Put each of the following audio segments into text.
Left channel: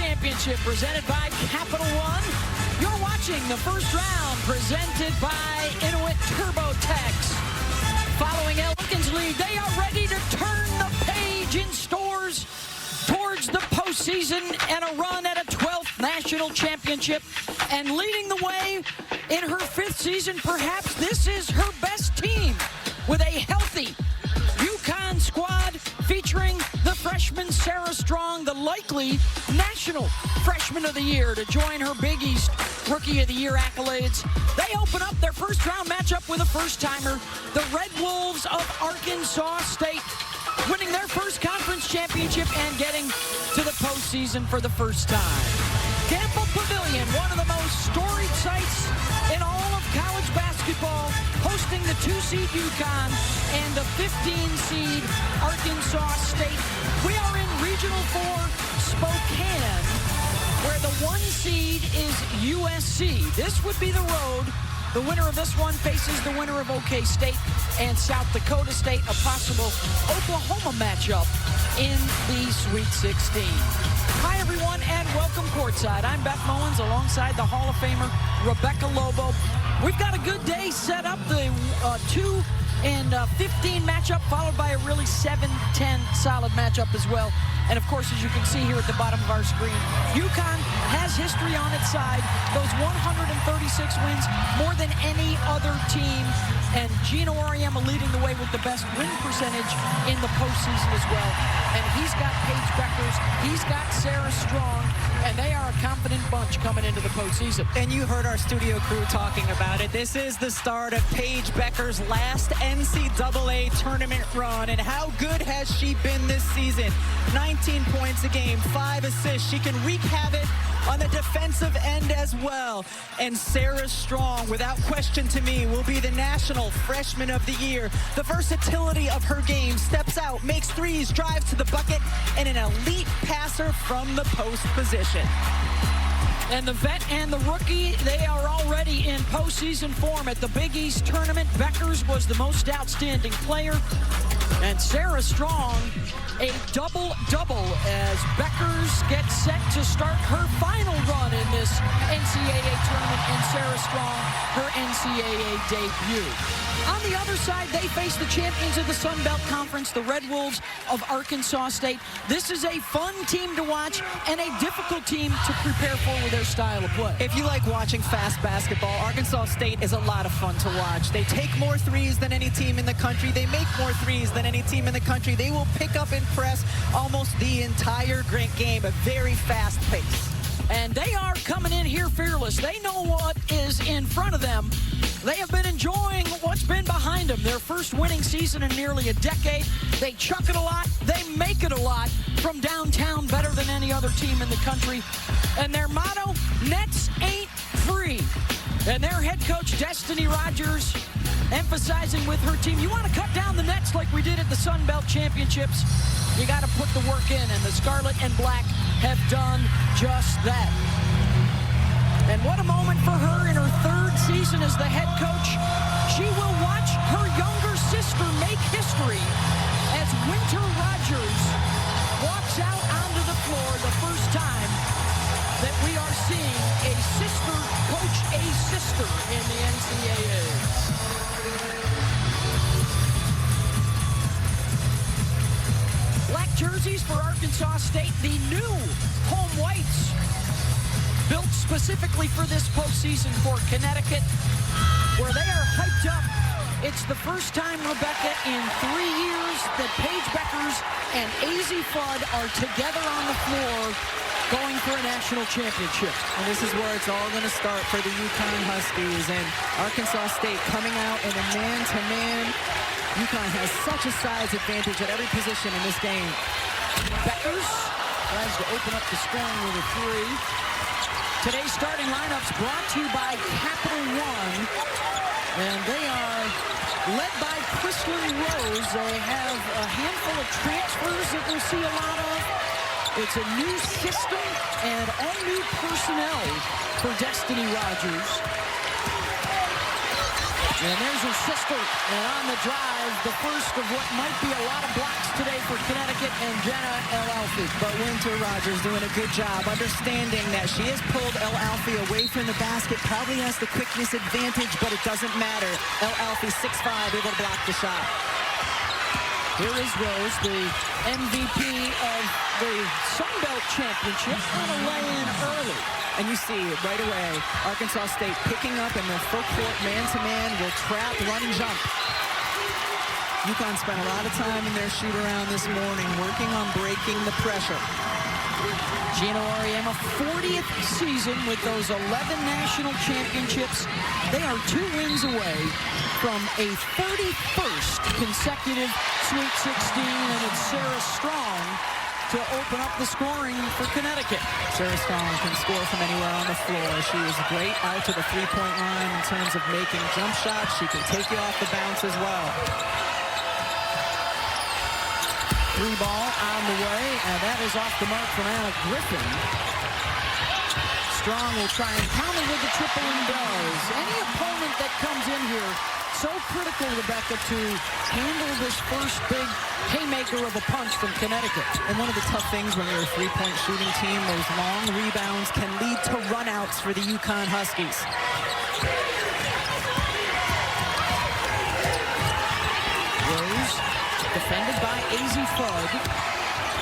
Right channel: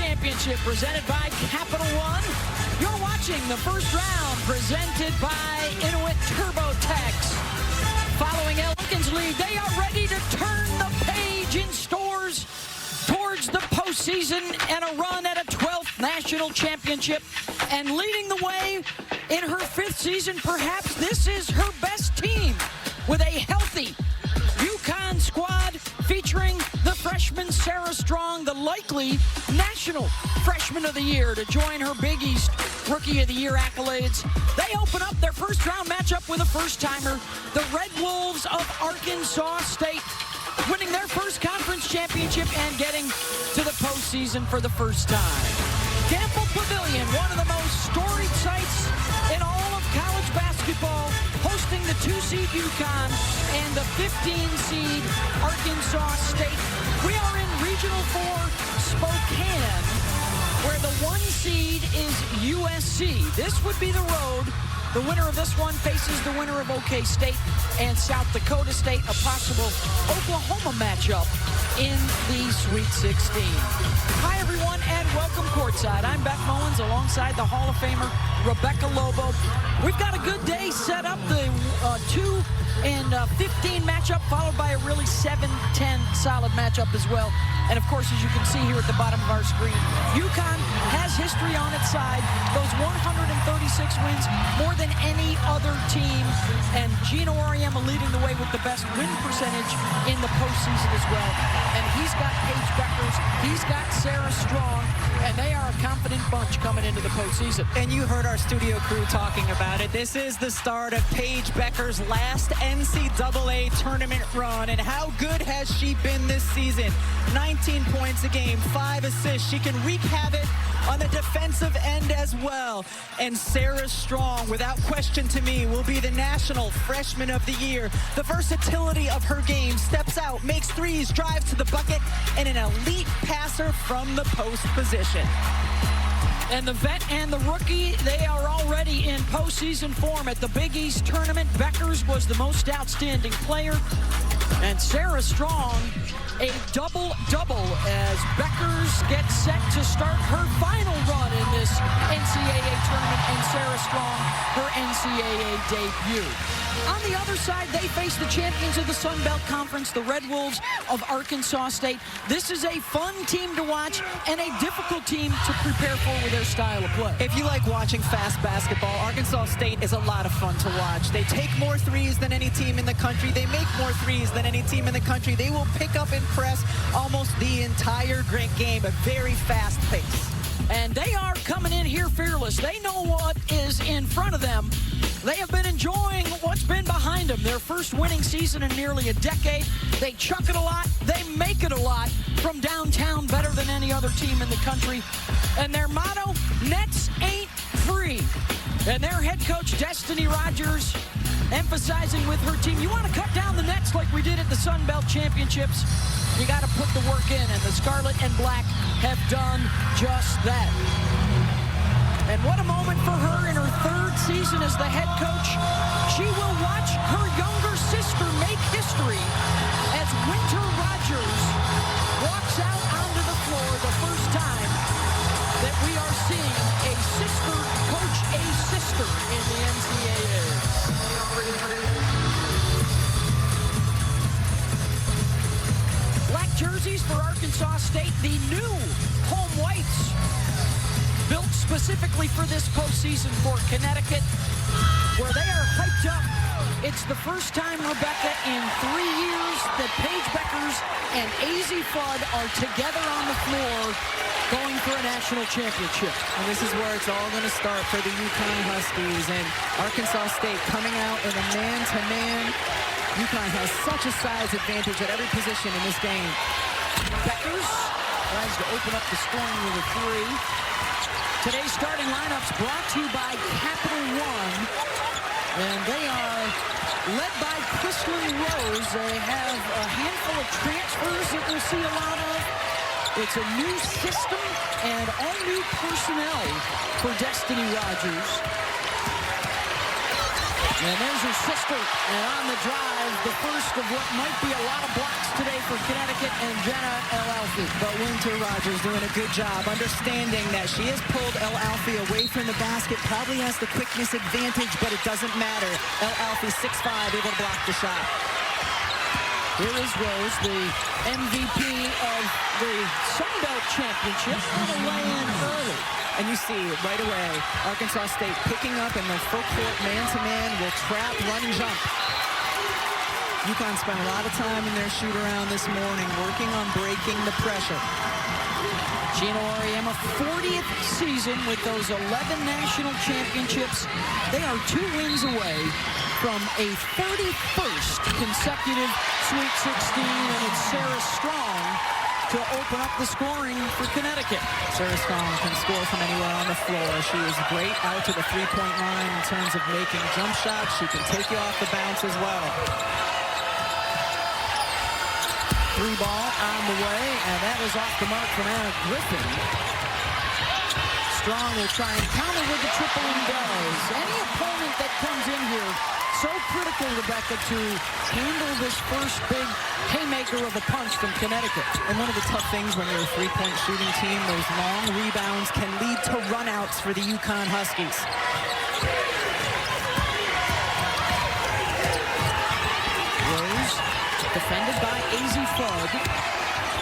Championship presented by Capital One. You're watching the first round presented by Inuit TurboTax. Following Elkin's lead, they are ready to turn the page in stores towards the postseason and a run at a 12th national championship. And leading the way in her 5th season, perhaps this is her best team with a healthy UConn squad featuring the freshman Sarah Strong, the likely National Freshman of the Year, to join her Big East Rookie of the Year accolades. They open up their first round matchup with a first-timer, the Red Wolves of Arkansas State, winning their first conference championship and getting to the postseason for the first time. Gamble Pavilion, one of the most storied sites in all of college basketball, hosting the 2-seed UConn and the 15-seed Arkansas State. We are in Regional 4 Spokane, where the 1 seed is USC. This would be the road. The winner of this one faces the winner of OK State and South Dakota State, a possible Oklahoma matchup in the Sweet 16. Hi, everyone, and welcome courtside. I'm Beth Mowens alongside the Hall of Famer Rebecca Lobo. We've got a good day set up. The 2 and 15 matchup, followed by a really 7-10 solid matchup as well. And of course, as you can see here at the bottom of our screen, UConn has history on its side. Those 136 wins, more than any other team. And Gino Auriemma leading the way with the best win percentage in the postseason as well. And he's got Paige Beckers, he's got Sarah Strong, and they are a confident bunch coming into the postseason. And you heard our studio crew talking about it. This is the start of Paige Beckers' last NCAA tournament run. And how good has she been this season? 19 points a game, 5 assists. She can wreak havoc on the defensive end as well. And Sarah Strong, without question to me, will be the National Freshman of the Year. The versatility of her game, steps out, makes threes, drives to the bucket, and an elite passer from the post position. And the vet and the rookie, they are already in postseason form at the Big East tournament. Beckers was the most outstanding player. And Sarah Strong, a double-double as Beckers gets set to start her final run in this NCAA tournament, and Sarah Strong, her NCAA debut. On the other side, they face the champions of the Sun Belt Conference, the Red Wolves of Arkansas State. This is a fun team to watch and a difficult team to prepare for with their style of play. If you like watching fast basketball, Arkansas State is a lot of fun to watch. They take more threes than any team in the country. They make more threes than any team in the country. They will pick up and press almost the entire game, a very fast pace. And they are coming in here fearless. They know what is in front of them. They have been enjoying what's been behind them. Their first winning season in nearly a decade. They chuck it a lot. They make it a lot from downtown, better than any other team in the country. And their motto, nets ain't free. And their head coach, Destiny Rogers, emphasizing with her team, you want to cut down the nets like we did at the Sun Belt Championships. You got to put the work in, and the Scarlet and Black have done just that. And what a moment for her in her 3rd season as the head coach. She will watch her younger sister make history as Winter Rogers walks out onto the floor the first time that we are seeing a sister coach a sister in the NCAA. Black jerseys for Arkansas State, the new home whites, built specifically for this postseason for Connecticut, where they are hyped up. It's the first time, Rebecca, in 3 years that Paige Beckers and AZ Fudd are together on the floor going for a national championship. And this is where it's all going to start for the UConn Huskies. And Arkansas State coming out in a man-to-man. UConn has such a size advantage at every position in this game. Beckers tries to open up the scoring with a 3. Today's starting lineups brought to you by Capital One. And they are led by Chrislyn Rose. They have a handful of transfers that we'll see a lot of. It's a new system and all new personnel for Destiny Rogers. And there's her sister, and on the drive, the first of what might be a lot of blocks today for Connecticut and Jenna El-Alfi. But Winter Rogers doing a good job understanding that she has pulled El-Alfi away from the basket, probably has the quickness advantage, but it doesn't matter. El-Alfi 6'5", able to block the shot. Here is Rose, the MVP of the Sun Belt Championship, on a lay-in early. And you see it right away. Arkansas State picking up in the full court man-to-man, will trap, run, and jump. UConn spent a lot of time in their shoot-around this morning working on breaking the pressure. Gino Auriemma, 40th season with those 11 national championships. They are 2 wins away from a 31st consecutive Sweet 16, and it's Sarah Strong to open up the scoring for Connecticut. Sarah Strong can score from anywhere on the floor. She is great out to the three-point line in terms of making jump shots. She can take you off the bounce as well. 3 ball on the way, and that is off the mark from Anna Griffin. Strong will try and counter with the triple and does. Any opponent that comes in here, so critical, Rebecca, to handle this first big haymaker of a punch from Connecticut. And one of the tough things when you're a three-point shooting team, those long rebounds can lead to runouts for the UConn Huskies. Rose, defended by Azzi Fudd,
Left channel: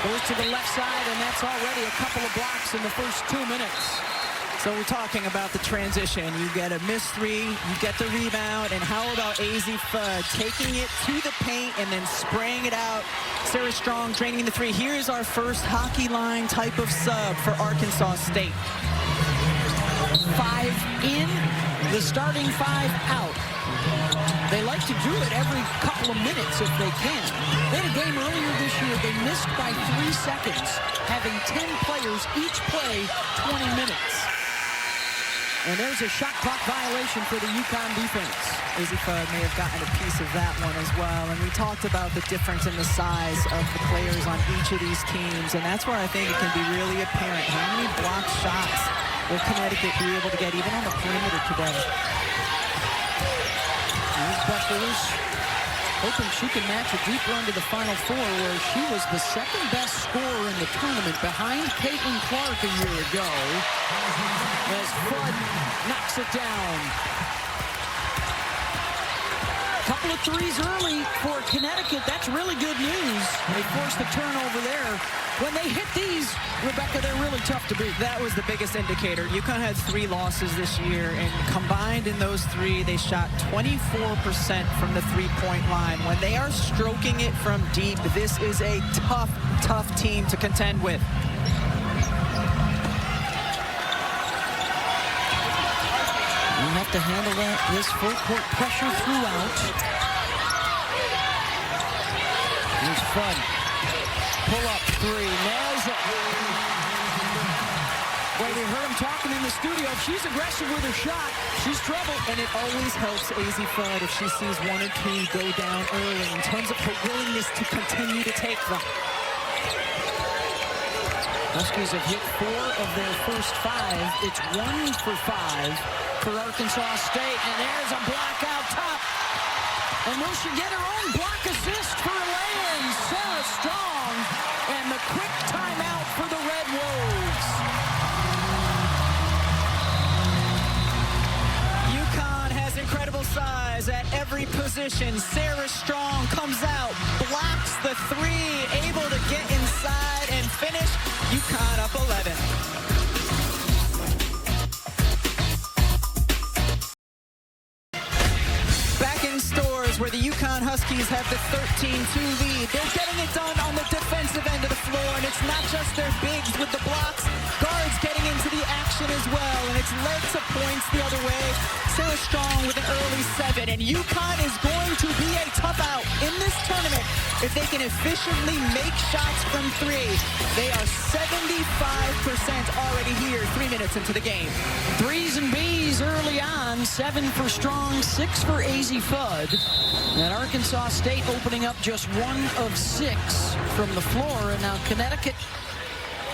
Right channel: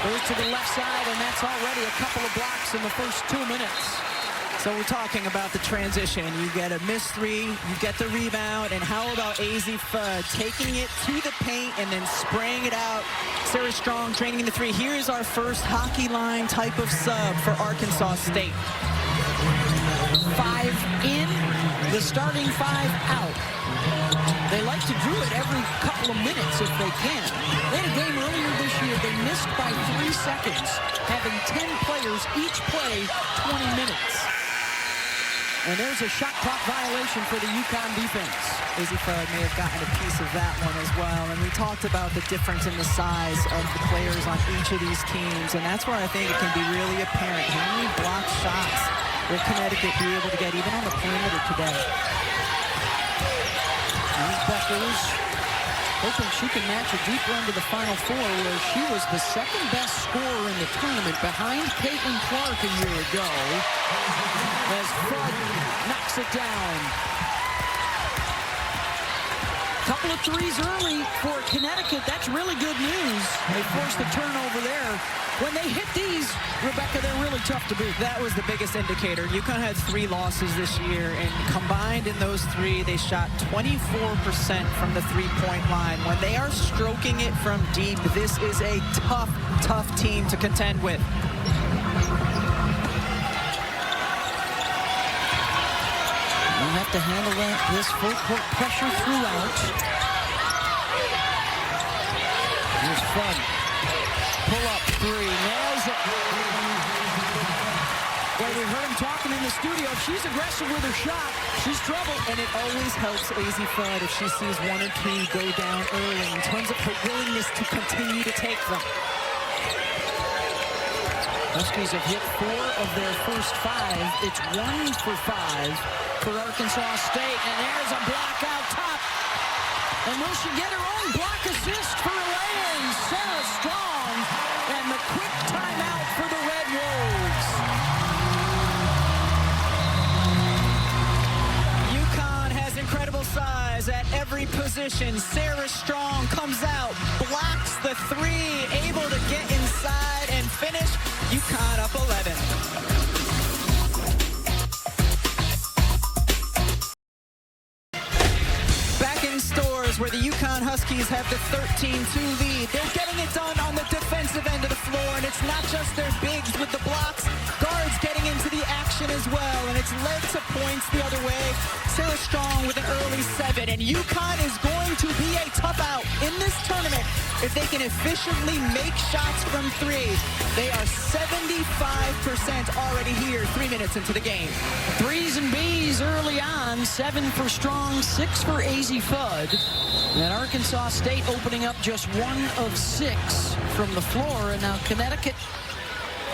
goes to the left side, and that's already a couple of blocks in the first 2 minutes. So we're talking about the transition. You get a missed three, you get the rebound, and how about Azzi Fudd taking it to the paint and then spraying it out? Sarah Strong draining the three. Here's our first hockey line type of sub for Arkansas State. 5 in, the starting 5 out. They like to do it every couple of minutes if they can. They had a game earlier this year. They missed by 3 seconds, having 10 players each play 20 minutes. And there's a shot clock violation for the UConn defense. Azzi Fudd may have gotten a piece of that one as well. And we talked about the difference in the size of the players on each of these teams. And that's where I think it can be really apparent. How many block shots will Connecticut be able to get even on the perimeter today? Here's Beckers, hoping she can match a deep run to the Final Four, where she was the 2nd best scorer in the tournament behind Caitlin Clark a year ago, as Fudd knocks it down. Couple of threes early for Connecticut. That's really good news. They forced the turnover there. When they hit these, Rebecca, they're really tough to beat. That was the biggest indicator. UConn had 3 losses this year, and combined in those 3, they shot 24% from the three-point line. When they are stroking it from deep, this is a tough, tough team to contend with. We'll have to handle this full court pressure throughout. Here's Fudd. Pull up 3, nails it. Well, we heard him talking in the studio. If she's aggressive with her shot, she's trouble. And it always helps Azzi Fudd if she sees 1 or 2 go down early in terms of her willingness to continue to take them. Huskies have hit 4 of their first 5. It's 1 for 5 for Arkansas State. And there's a block out top. And will she get her own block assist for a lay-in? Sarah Strong, and the quick timeout for the Red Wolves. UConn has incredible size at every position. Sarah Strong comes out, blocks the 3, able to get inside and finish. UConn up 11. Stores where the UConn Huskies have the 13-2 lead. They're getting it done on the defensive end of the floor, and it's not just their bigs with the blocks. Guards getting into the action as well, and it's led to points the other way. Sarah Strong with an early 7, and UConn is going to be a tough out in this tournament if they can efficiently make shots from 3. They are 75% already here 3 minutes into the game. 3s and Bs early on, 7 for Strong, 6 for Azzi Fudd. And Arkansas State opening up just 1 of 6 from the floor, and now Connecticut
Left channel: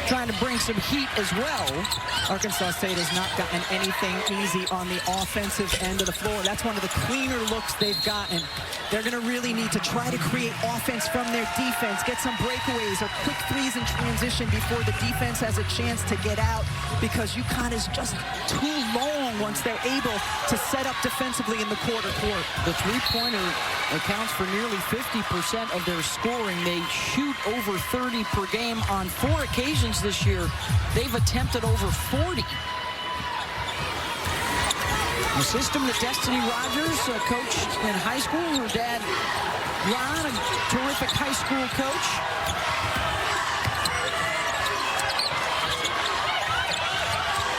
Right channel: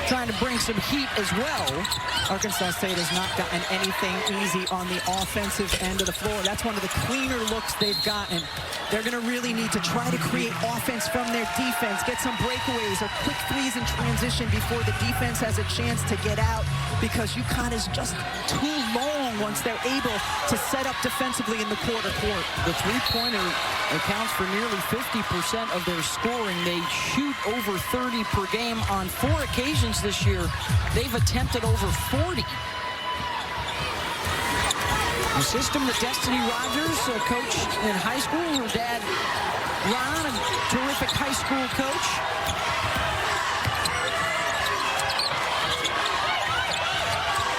trying to bring some heat as well. Arkansas State has not gotten anything easy on the offensive end of the floor. That's one of the cleaner looks they've gotten. They're going to really need to try to create offense from their defense, get some breakaways or quick threes in transition before the defense has a chance to get out, because UConn is just too long once they're able to set up defensively in the quarter court. The three-pointer accounts for nearly 50% of their scoring. They shoot over 30 per game. On 4 occasions this year, they've attempted over 40. A system that Destiny Rogers coached in high school. Her dad, Ron, a terrific high school coach.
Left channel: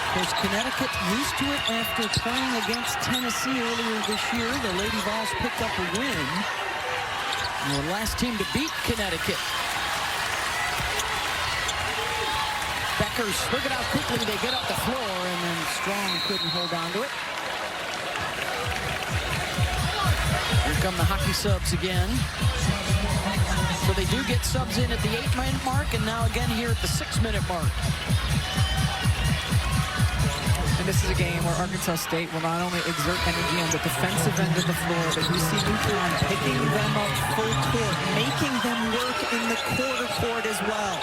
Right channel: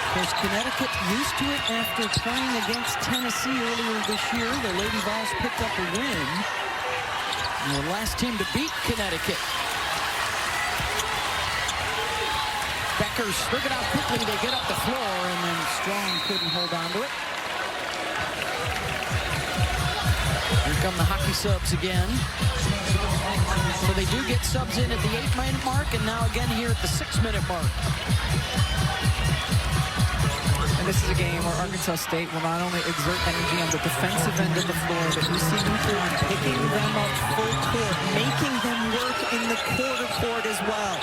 Of course, Connecticut used to it after playing against Tennessee earlier this year. The Lady Vols picked up a win. And the last team to beat Connecticut. Beckers, look at how quickly they get up the floor, and then Strong couldn't hold on to it. Here come the hockey subs again. So they do get subs in at the 8-minute mark, and now again here at the 6-minute mark. And this is a game where Arkansas State will not only exert energy on the defensive end of the floor, but you see UConn picking them up full court, making them work in the quarter court as well.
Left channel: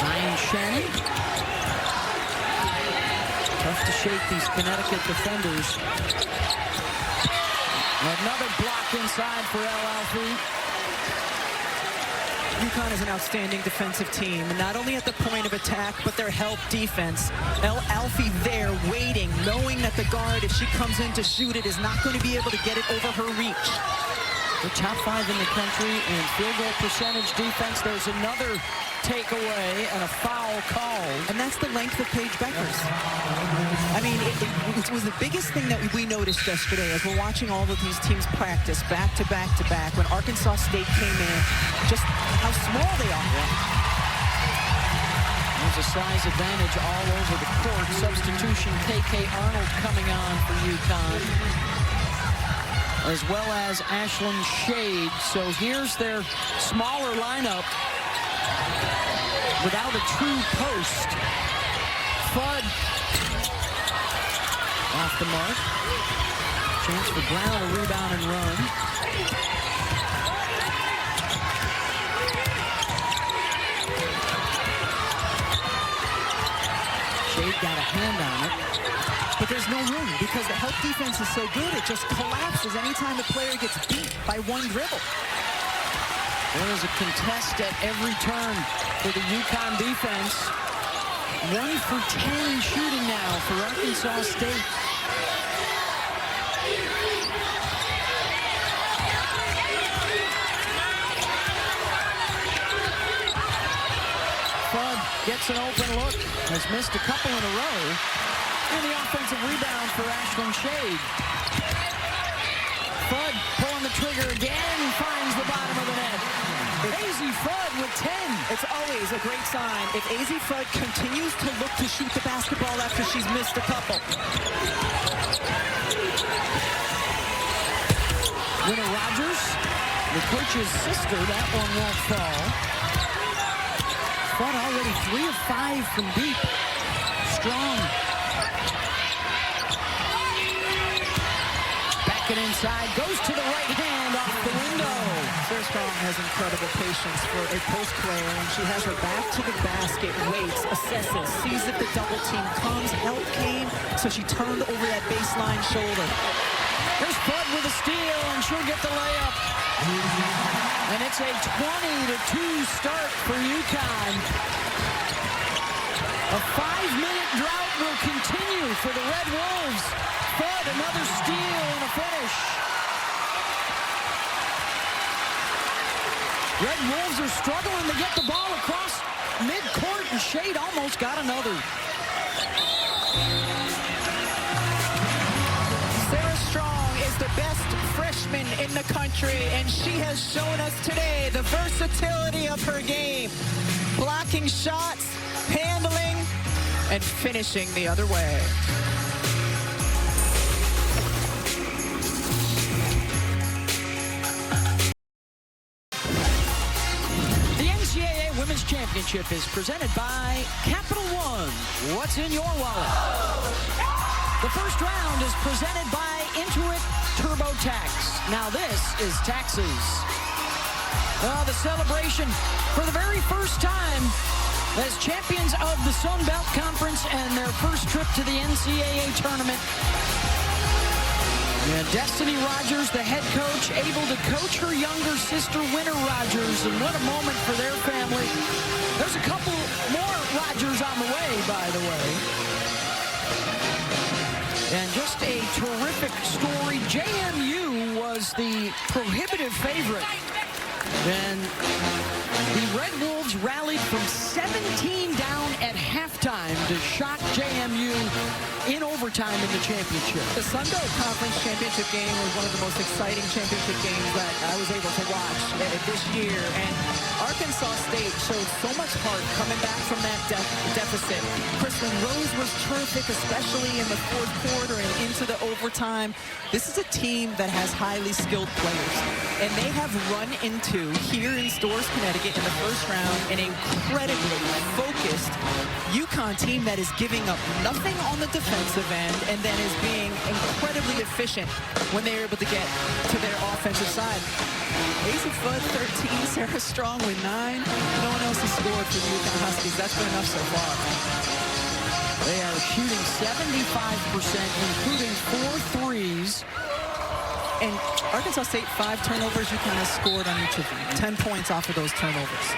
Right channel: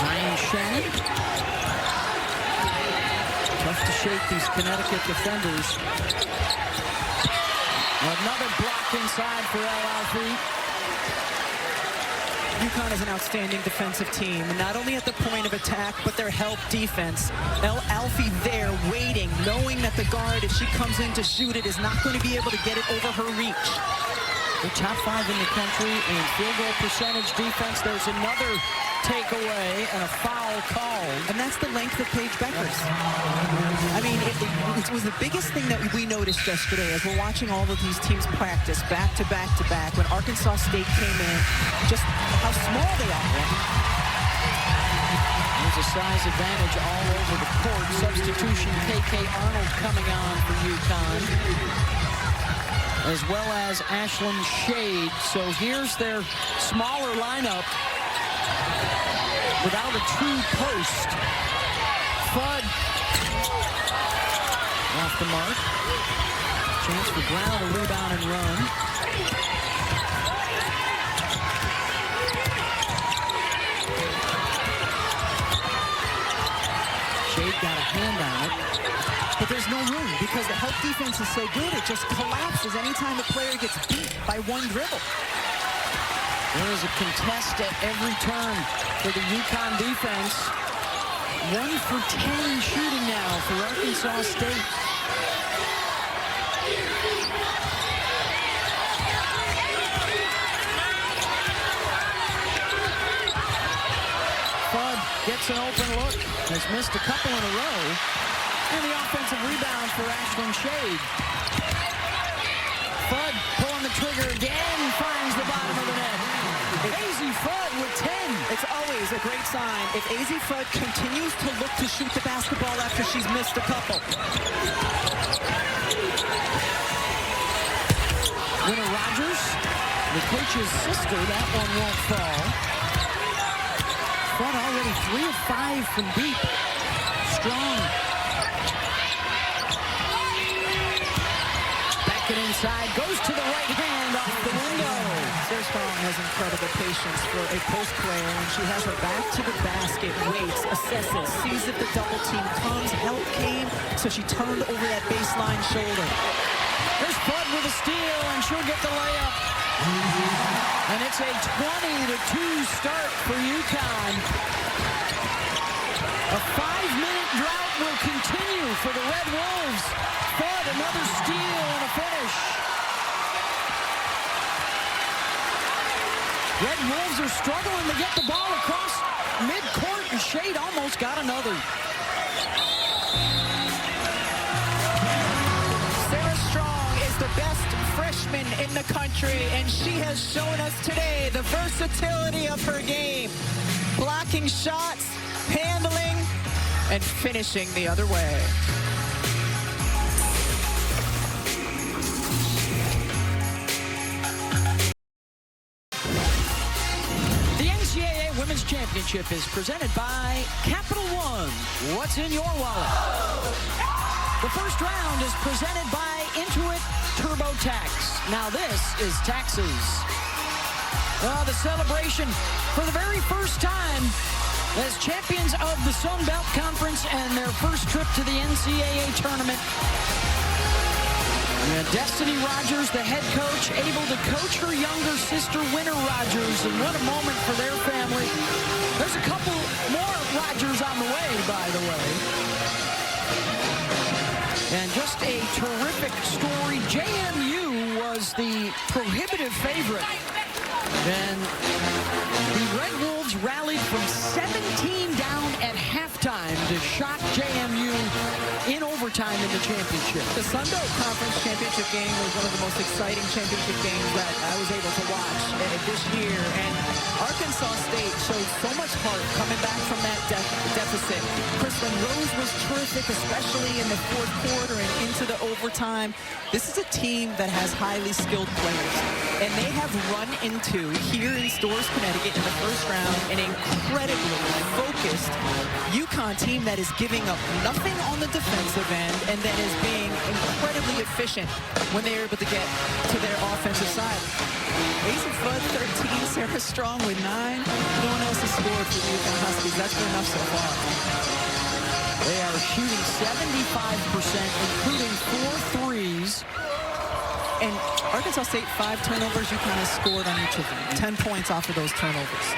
Zion Shannon. Tough to shake these Connecticut defenders. Another block inside for El Alfie. UConn is an outstanding defensive team, and not only at the point of attack, but their help defense. El Alfie there waiting, knowing that the guard, if she comes in to shoot it, is not going to be able to get it over her reach. They're top 5 in the country in field goal percentage defense. There's another takeaway and a foul called. And that's the length of Paige Beckers. I mean, it was the biggest thing that we noticed yesterday as we're watching all of these teams practice back to back to back when Arkansas State came in, just how small they are. Yeah. There's a size advantage all over the court. Substitution, KK Arnold coming on for UConn, as well as Ashlyn Shade. So here's their smaller lineup without a true post. Fudd off the mark. Chance for Brown to rebound and run. Shade got a hand on it. But there's no room because the help defense is so good, it just collapses anytime a player gets beat by one dribble. There is a contest at every turn for the UConn defense. 1 for 10 shooting now for Arkansas State. Fudd gets an open look, has missed a couple in a row, and the offensive rebound for Ashlyn Shade. Fudd pulling the trigger again, finds the bottom of the net. Azzi Fudd with 10. It's always a great sign if Azzi Fudd continues to look to shoot the basketball after she's missed a couple. Winter Rogers, the coach's sister, that one won't fall. Fudd already 3 of 5 from deep. Strong. Back it inside, goes to the right hand off the window. Sarah Strong has incredible patience for a post player when she has her back to the basket, waits, assesses, sees if the double team comes, help came, so she turned over that baseline shoulder. There's Fudd with a steal, and she'll get the layup. And it's a 20-2 start for UConn. A 5-minute drought will continue for the Red Wolves. Fudd, another steal and a finish. Red Wolves are struggling to get the ball across midcourt, and Shade almost got another. Sarah Strong is the best freshman in the country, and she has shown us today the versatility of her game. Blocking shots, handling, and finishing the other way. NCAA Women's Championship is presented by Capital One. What's in your wallet? The first round is presented by Intuit TurboTax. Now this is taxes. The celebration for the very first time as champions of the Sun Belt Conference and their first trip to the NCAA tournament. Destiny Rogers, the head coach, able to coach her younger sister, Winter Rogers, and what a moment for their family. There's a couple more Rogers on the way, by the way. And just a terrific story. JMU was the prohibitive favorite. And the Red Wolves rallied from 17 down at halftime to shock JMU in overtime in the championship. The Sun Belt Conference Championship game was one of the most exciting championship games that I was able to watch this year. And Arkansas State showed so much heart coming back from that deficit. Kristen Rose was terrific, especially in the fourth quarter and into the overtime. This is a team that has highly skilled players. And they have run into, here in Storrs, Connecticut, in the first round, an incredibly focused UConn team that is giving up nothing on the defensive end and then is being incredibly efficient when they're able to get to their offensive side. Azzi Fudd, 13, Sarah Strong with 9. No one else has scored for the UConn Huskies. That's been enough so far. They are shooting 75%, including 4 threes. And Arkansas State, 5 turnovers. UConn has scored on each of them. 10 points off of those turnovers.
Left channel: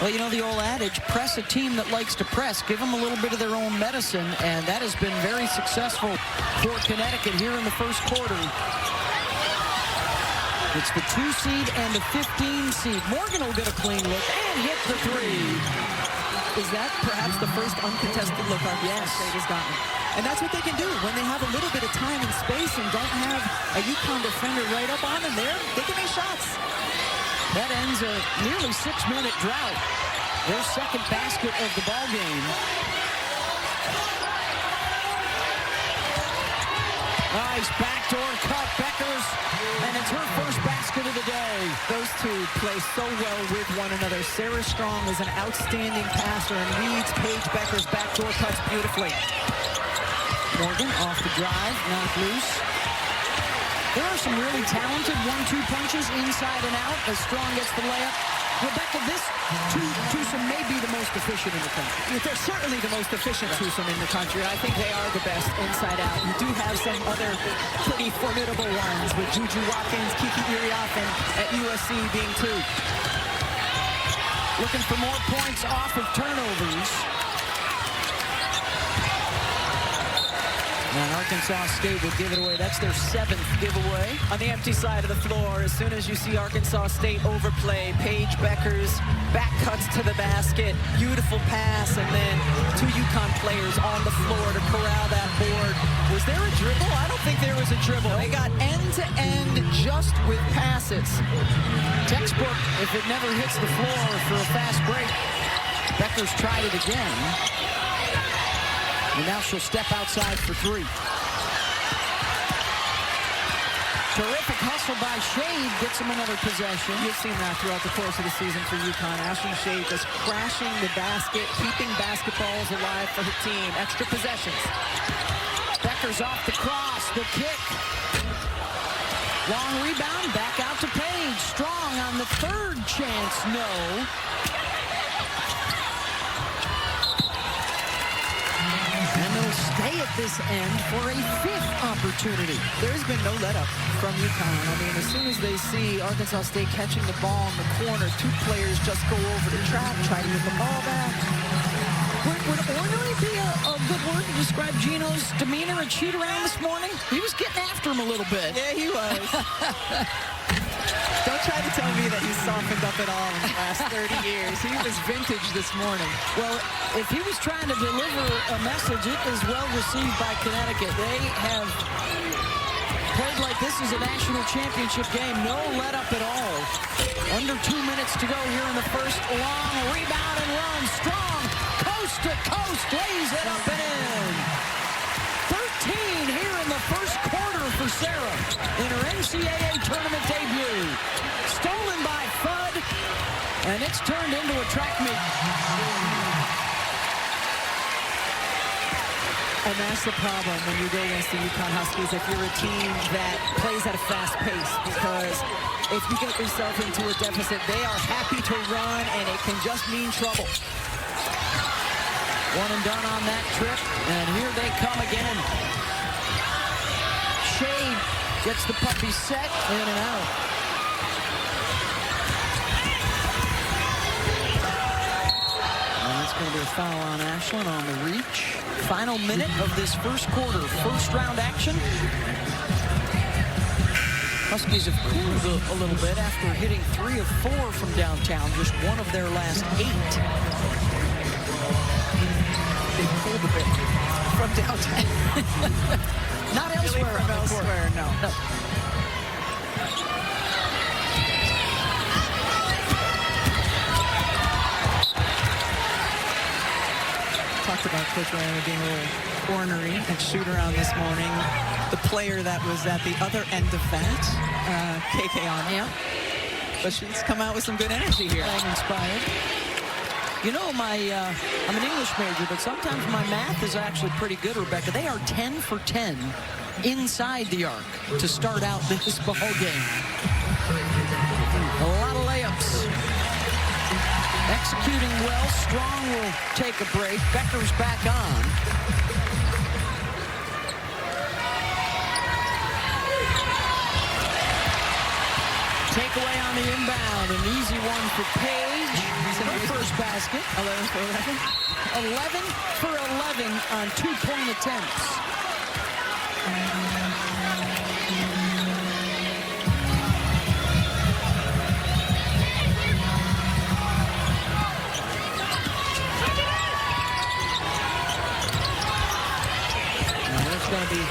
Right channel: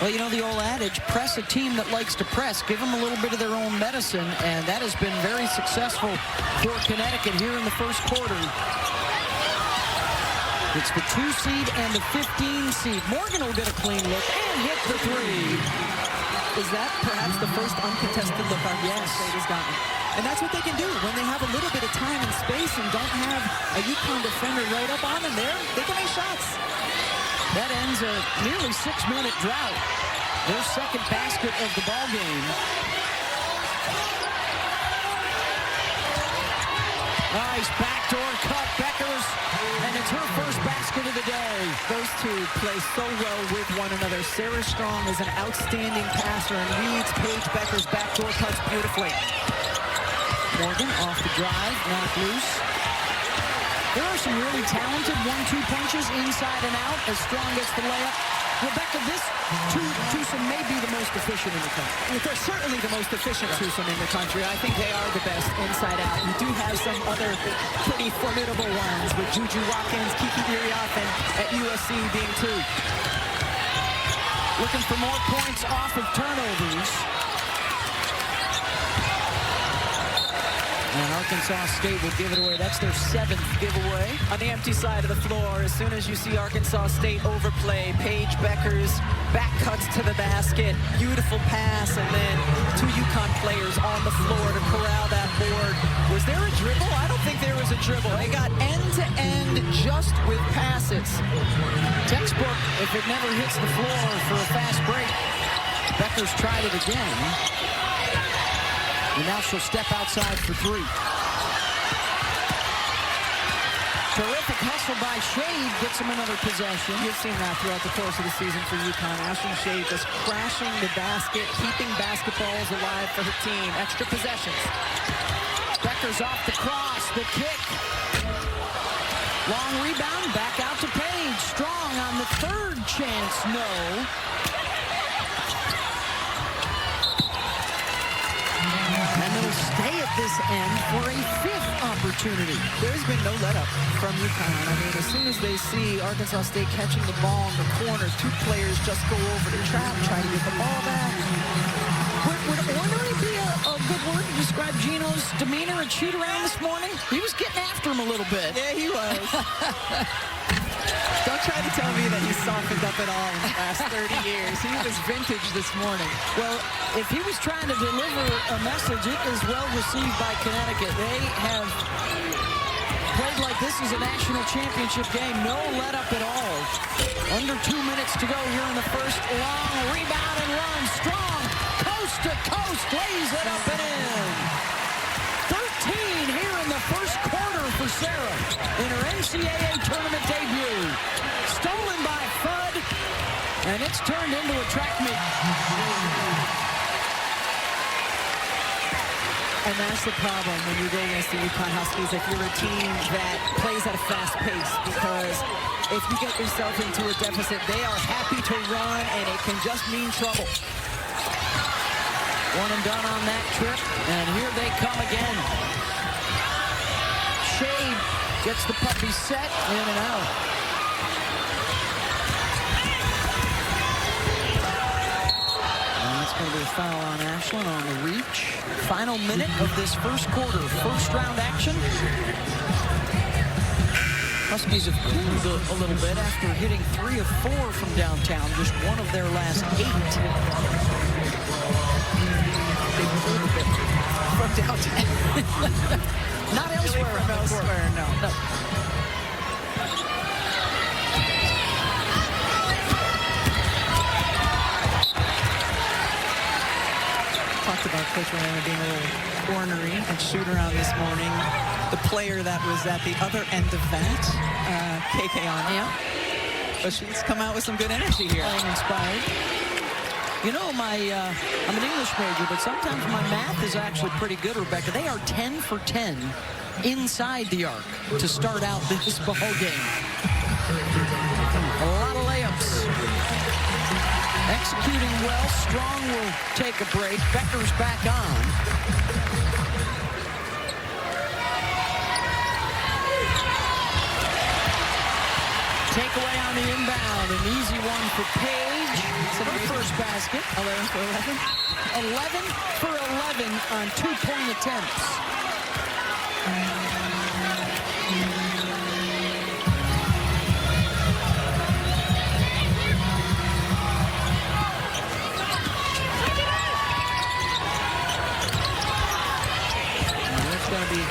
Well, you know the old adage, press a team that likes to press. Give them a little bit of their own medicine, and that has been very successful for Connecticut here in the first quarter. It's the 2 seed and the 15 seed. Morgan will get a clean look and hit the 3. Is that perhaps the first uncontested look Arkansas State has gotten? And that's what they can do when they have a little bit of time and space and don't have a UConn defender right up on them there. They can make shots. That ends a nearly 6-minute drought. Their second basket of the ball game. Nice backdoor cut, Beckers, and it's her first basket of the day. Those two play so well with one another. Sarah Strong is an outstanding passer and reads Paige Beckers' backdoor cuts beautifully. Morgan off the drive, knocked loose. There are some really talented 1-2 punches inside and out as Strong gets the layup. Rebecca, this twosome may be the most efficient in the country. They're certainly the most efficient twosome in the country. I think they are the best inside out. You do have some other pretty formidable ones with Juju Watkins, Kiki Iriafen at USC being 2. Looking for more points off of turnovers. And Arkansas State will give it away. That's their 7th giveaway. On the empty side of the floor, as soon as you see Arkansas State overplay, Paige Beckers back cuts to the basket. Beautiful pass, and then 2 UConn players on the floor to corral that board. Was there a dribble? I don't think there was a dribble. They got end-to-end just with passes. Textbook, if it never hits the floor for a fast break. Beckers tried it again. And now she'll step outside for 3. Terrific hustle by Shade, gets him another possession. You've seen that throughout the course of the season for UConn. Ashton Shade just crashing the basket, keeping basketballs alive for her team. Extra possessions. Beckers off the cross, the kick. Long rebound, back out to Paige. Strong on the 3rd chance, no. And it'll stay at this end for a 5th opportunity. There's been no let up from UConn. I mean, as soon as they see Arkansas State catching the ball in the corner, 2 players just go over the trap, try to get the ball back. Would ornery be a good word to describe Gino's demeanor and shoot around this morning? He was getting after him a little bit. Yeah, he was. Don't try to tell me that he's softened up at all in the last 30 years. He was vintage this morning. Well, if he was trying to deliver a message, it is well received by Connecticut. They have played like this is a national championship game. No let up at all. Under 2 minutes to go here in the first. Long rebound and run. Strong, coast to coast, lays it up and in. 13 here in the first quarter for Sarah in her NCAA tournament debut. Stolen by Fudd, And it's turned into a track meet. And that's the problem when you go against the UConn Huskies, if you're a team that plays at a fast pace, because if you get yourself into a deficit, they are happy to run, and it can just mean trouble. One and done on that trip, and here they come again. Shade gets the puppy set, in and out. And that's going to be a foul on Ashland on the reach. Final minute of this first quarter, first round action. Huskies have cooled a little bit after hitting 3 of 4 from downtown, just 1 of their last 8. They pulled a bit from downtown. Not elsewhere really on the elsewhere, court. no. Talked about Coach Rama being a little ornery and shoot around this morning. The player that was at the other end of that, KK Arnold. Yeah. But she's come out with some good energy here. Playing inspired. You know, I'm an English major, but sometimes my math is actually pretty good, Rebecca. They are 10 for 10 inside the arc to start out this ball game. A lot of layups. Executing well. Strong will take a break. Becker's back on. Takeaway on the inbound. An easy one for Paige. Her first basket. 11 for 11. 11 for 11 on 2-point attempts. Now there's going to be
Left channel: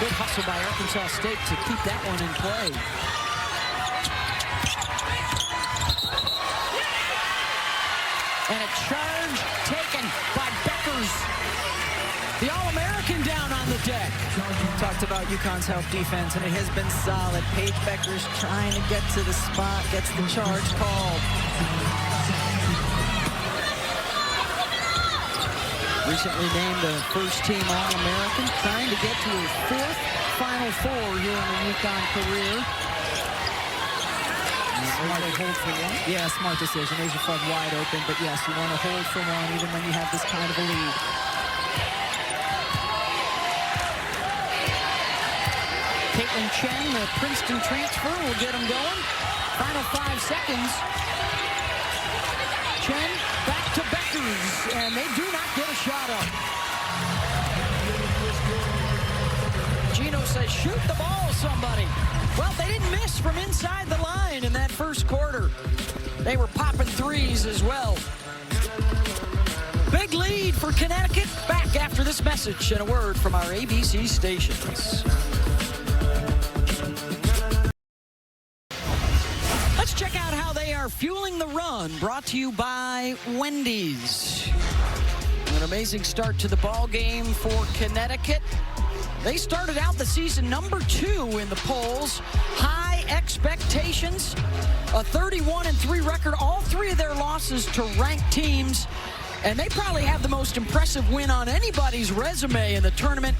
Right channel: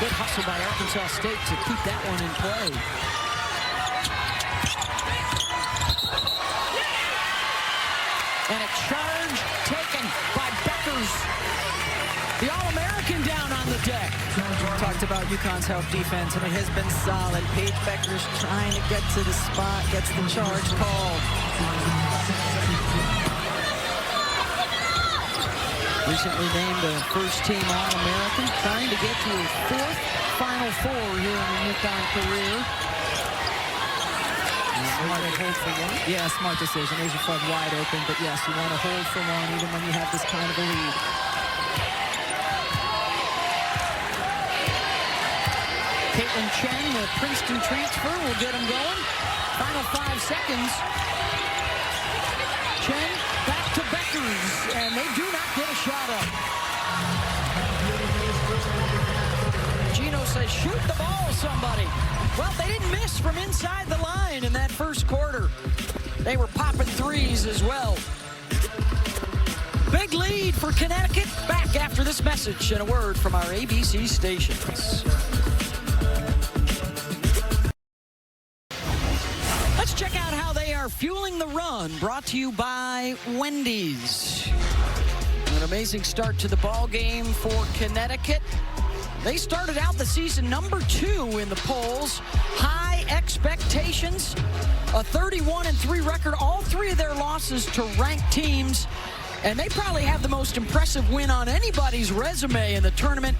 good hustle by Arkansas State to keep that one in play. And a charge taken by Beckers. The All-American down on the deck. Talked about UConn's help defense, and it has been solid. Paige Beckers trying to get to the spot, gets the charge called. Recently named a first-team All-American, trying to get to her 4th Final Four here in the UConn career. Smart hold for one. Yeah, smart decision. Asia Flood wide open, but yes, you want to hold for one even when you have this kind of a lead. Caitlin Chen, the Princeton transfer, will get them going. Final 5 seconds. Chen back to Beckers, and they do not get a shot up. Gino says, shoot the ball, somebody. Well, they didn't miss from inside the line in that first quarter. They were popping threes as well. Big lead for Connecticut. Back after this message and a word from our ABC stations. Let's check out how they are fueling the run. Brought to you by Wendy's. An amazing start to the ball game for Connecticut. They started out the season number 2 in the polls. High expectations, a 31-3 record, all 3 of their losses to ranked teams. And they probably have the most impressive win on anybody's resume in the tournament.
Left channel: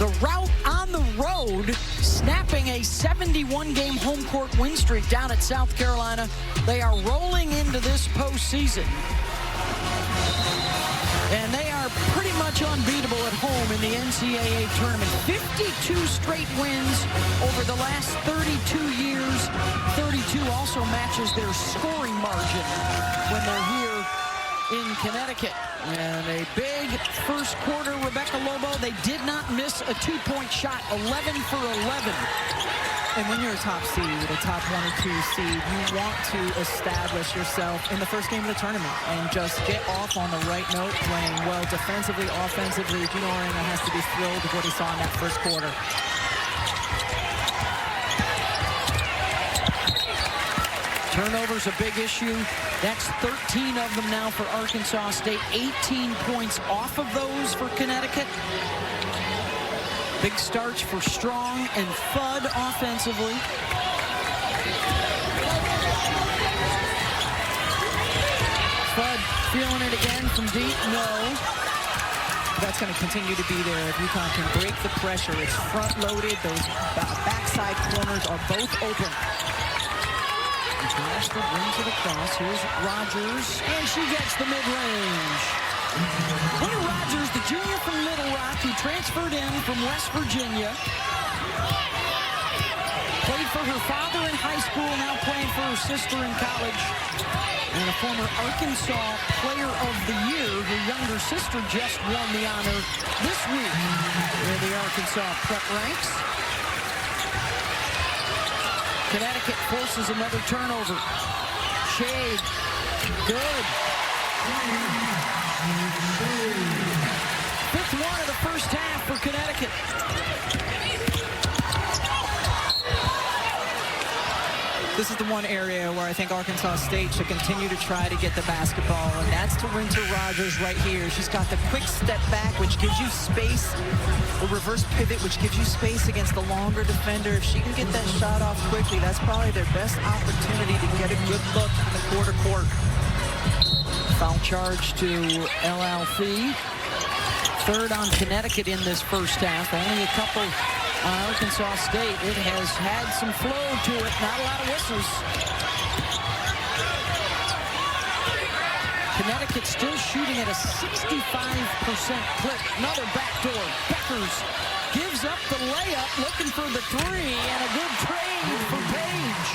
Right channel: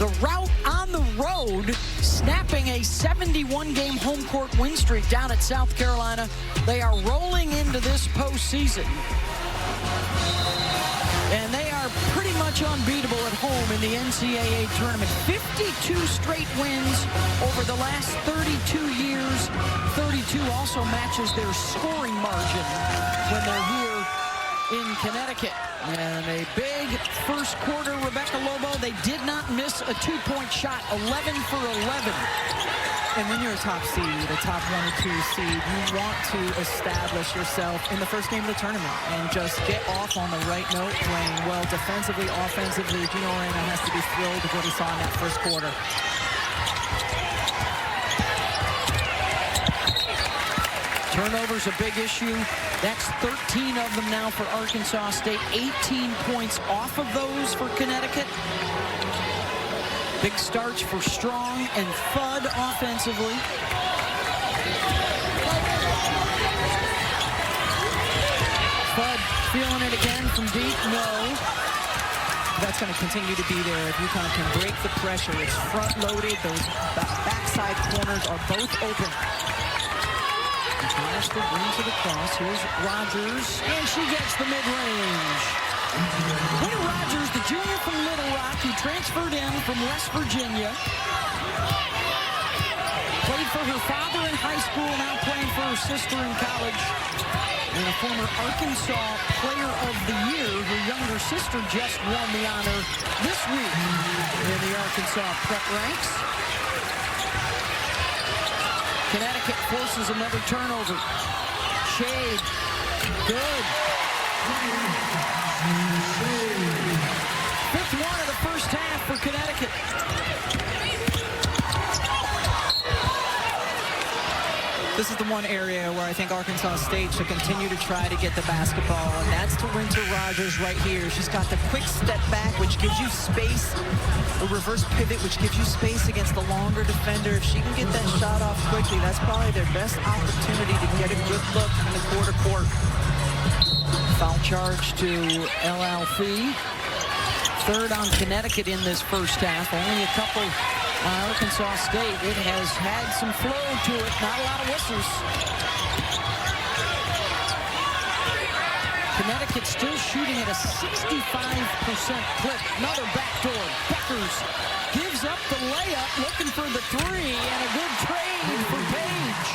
The rout on the road, snapping a 71-game home court win streak down at South Carolina. They are rolling into this postseason. And they are pretty much unbeatable at home in the NCAA tournament. 52 straight wins over the last 32 years. 32 also matches their scoring margin when they're here in Connecticut. And a big first quarter, Rebecca Lobo. They did not miss a 2-point shot, 11 for 11. And when you're a top seed, a top 1 or 2 seed, you want to establish yourself in the first game of the tournament and just get off on the right note, playing well defensively, offensively. Gino Arena has to be thrilled with what he saw in that first quarter. Turnovers a big issue. That's 13 of them now for Arkansas State. 18 points off of those for Connecticut. Big starts for Strong and Fudd offensively. Fudd feeling it again from deep. No. That's going to continue to be there if UConn can break the pressure. It's front-loaded. Those backside corners are both open. Hollister brings it across. Here's Rogers, and she gets the mid-range. Winter Rogers, the junior from Little Rock, who transferred in from West Virginia. Played for her father in high school, now playing for her sister in college. And a former Arkansas Player of the Year. Her younger sister just won the honor this week in the Arkansas prep ranks. Connecticut forces another turnover. Shade. Good. Fifth one of the first half for Connecticut. This is the one area where I think Arkansas State should continue to try to get the basketball, and that's to Winter Rogers right here. She's got the quick step back, which gives you space, a reverse pivot, which gives you space against the longer defender. If she can get that shot off quickly, that's probably their best opportunity to get a good look in the quarter court. Foul charge to LLC. Third on Connecticut in this first half. Only a couple on Arkansas State. It has had some flow to it, not a lot of whistles. Connecticut still shooting at a 65% clip. Another backdoor. Beckers gives up the layup, looking for the three, and a good trade for Page.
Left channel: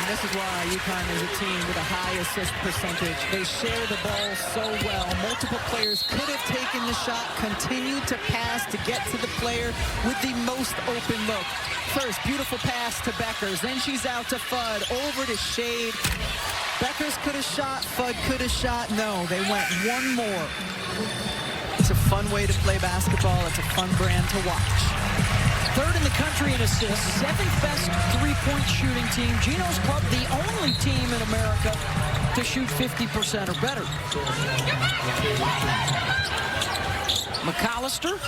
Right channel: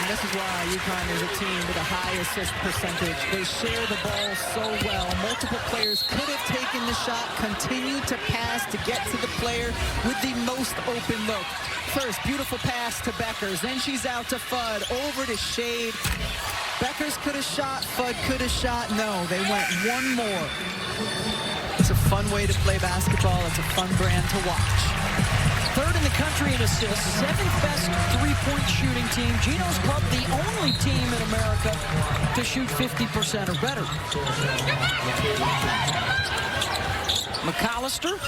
And this is why UConn is a team with a high assist percentage. They share the ball so well. Multiple players could have taken the shot, continued to pass to get to the player with the most open look. First, beautiful pass to Beckers. Then she's out to Fudd, over to Shade. Beckers could have shot, Fudd could have shot. No, they went one more. It's a fun way to play basketball. It's a fun brand to watch. Third in the country in assists, seventh best three-point shooting team. Geno's club, the only team in America to shoot 50% or better. McAllister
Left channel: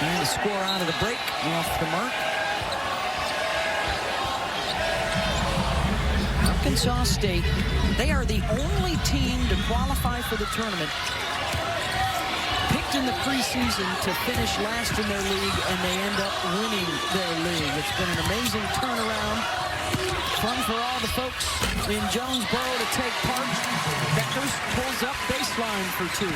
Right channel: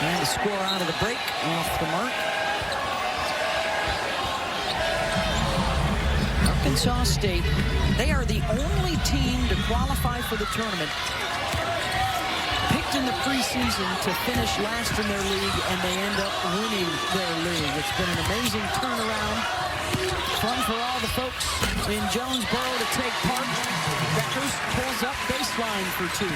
trying to score out of the break, off the mark. Arkansas State, they are the only team to qualify for the tournament. Picked in the preseason to finish last in their league, and they end up winning their league. It's been an amazing turnaround. Fun for all the folks in Jonesboro to take part. Beckers pulls up baseline for two.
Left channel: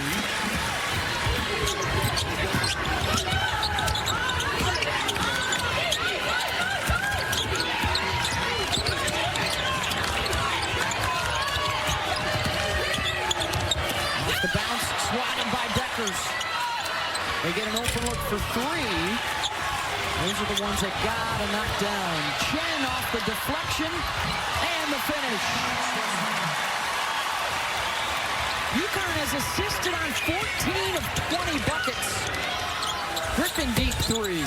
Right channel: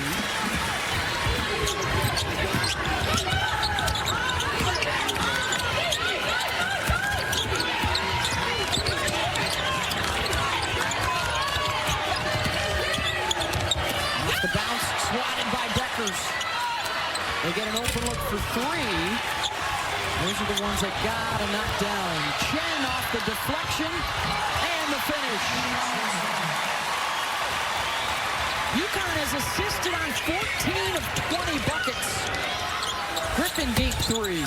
The bounce swatted by Beckers. They get an open look for three. Those are the ones that gotta knock down. Chen off the deflection and the finish. UConn has assisted on 14 of 20 buckets. Griffin deep three.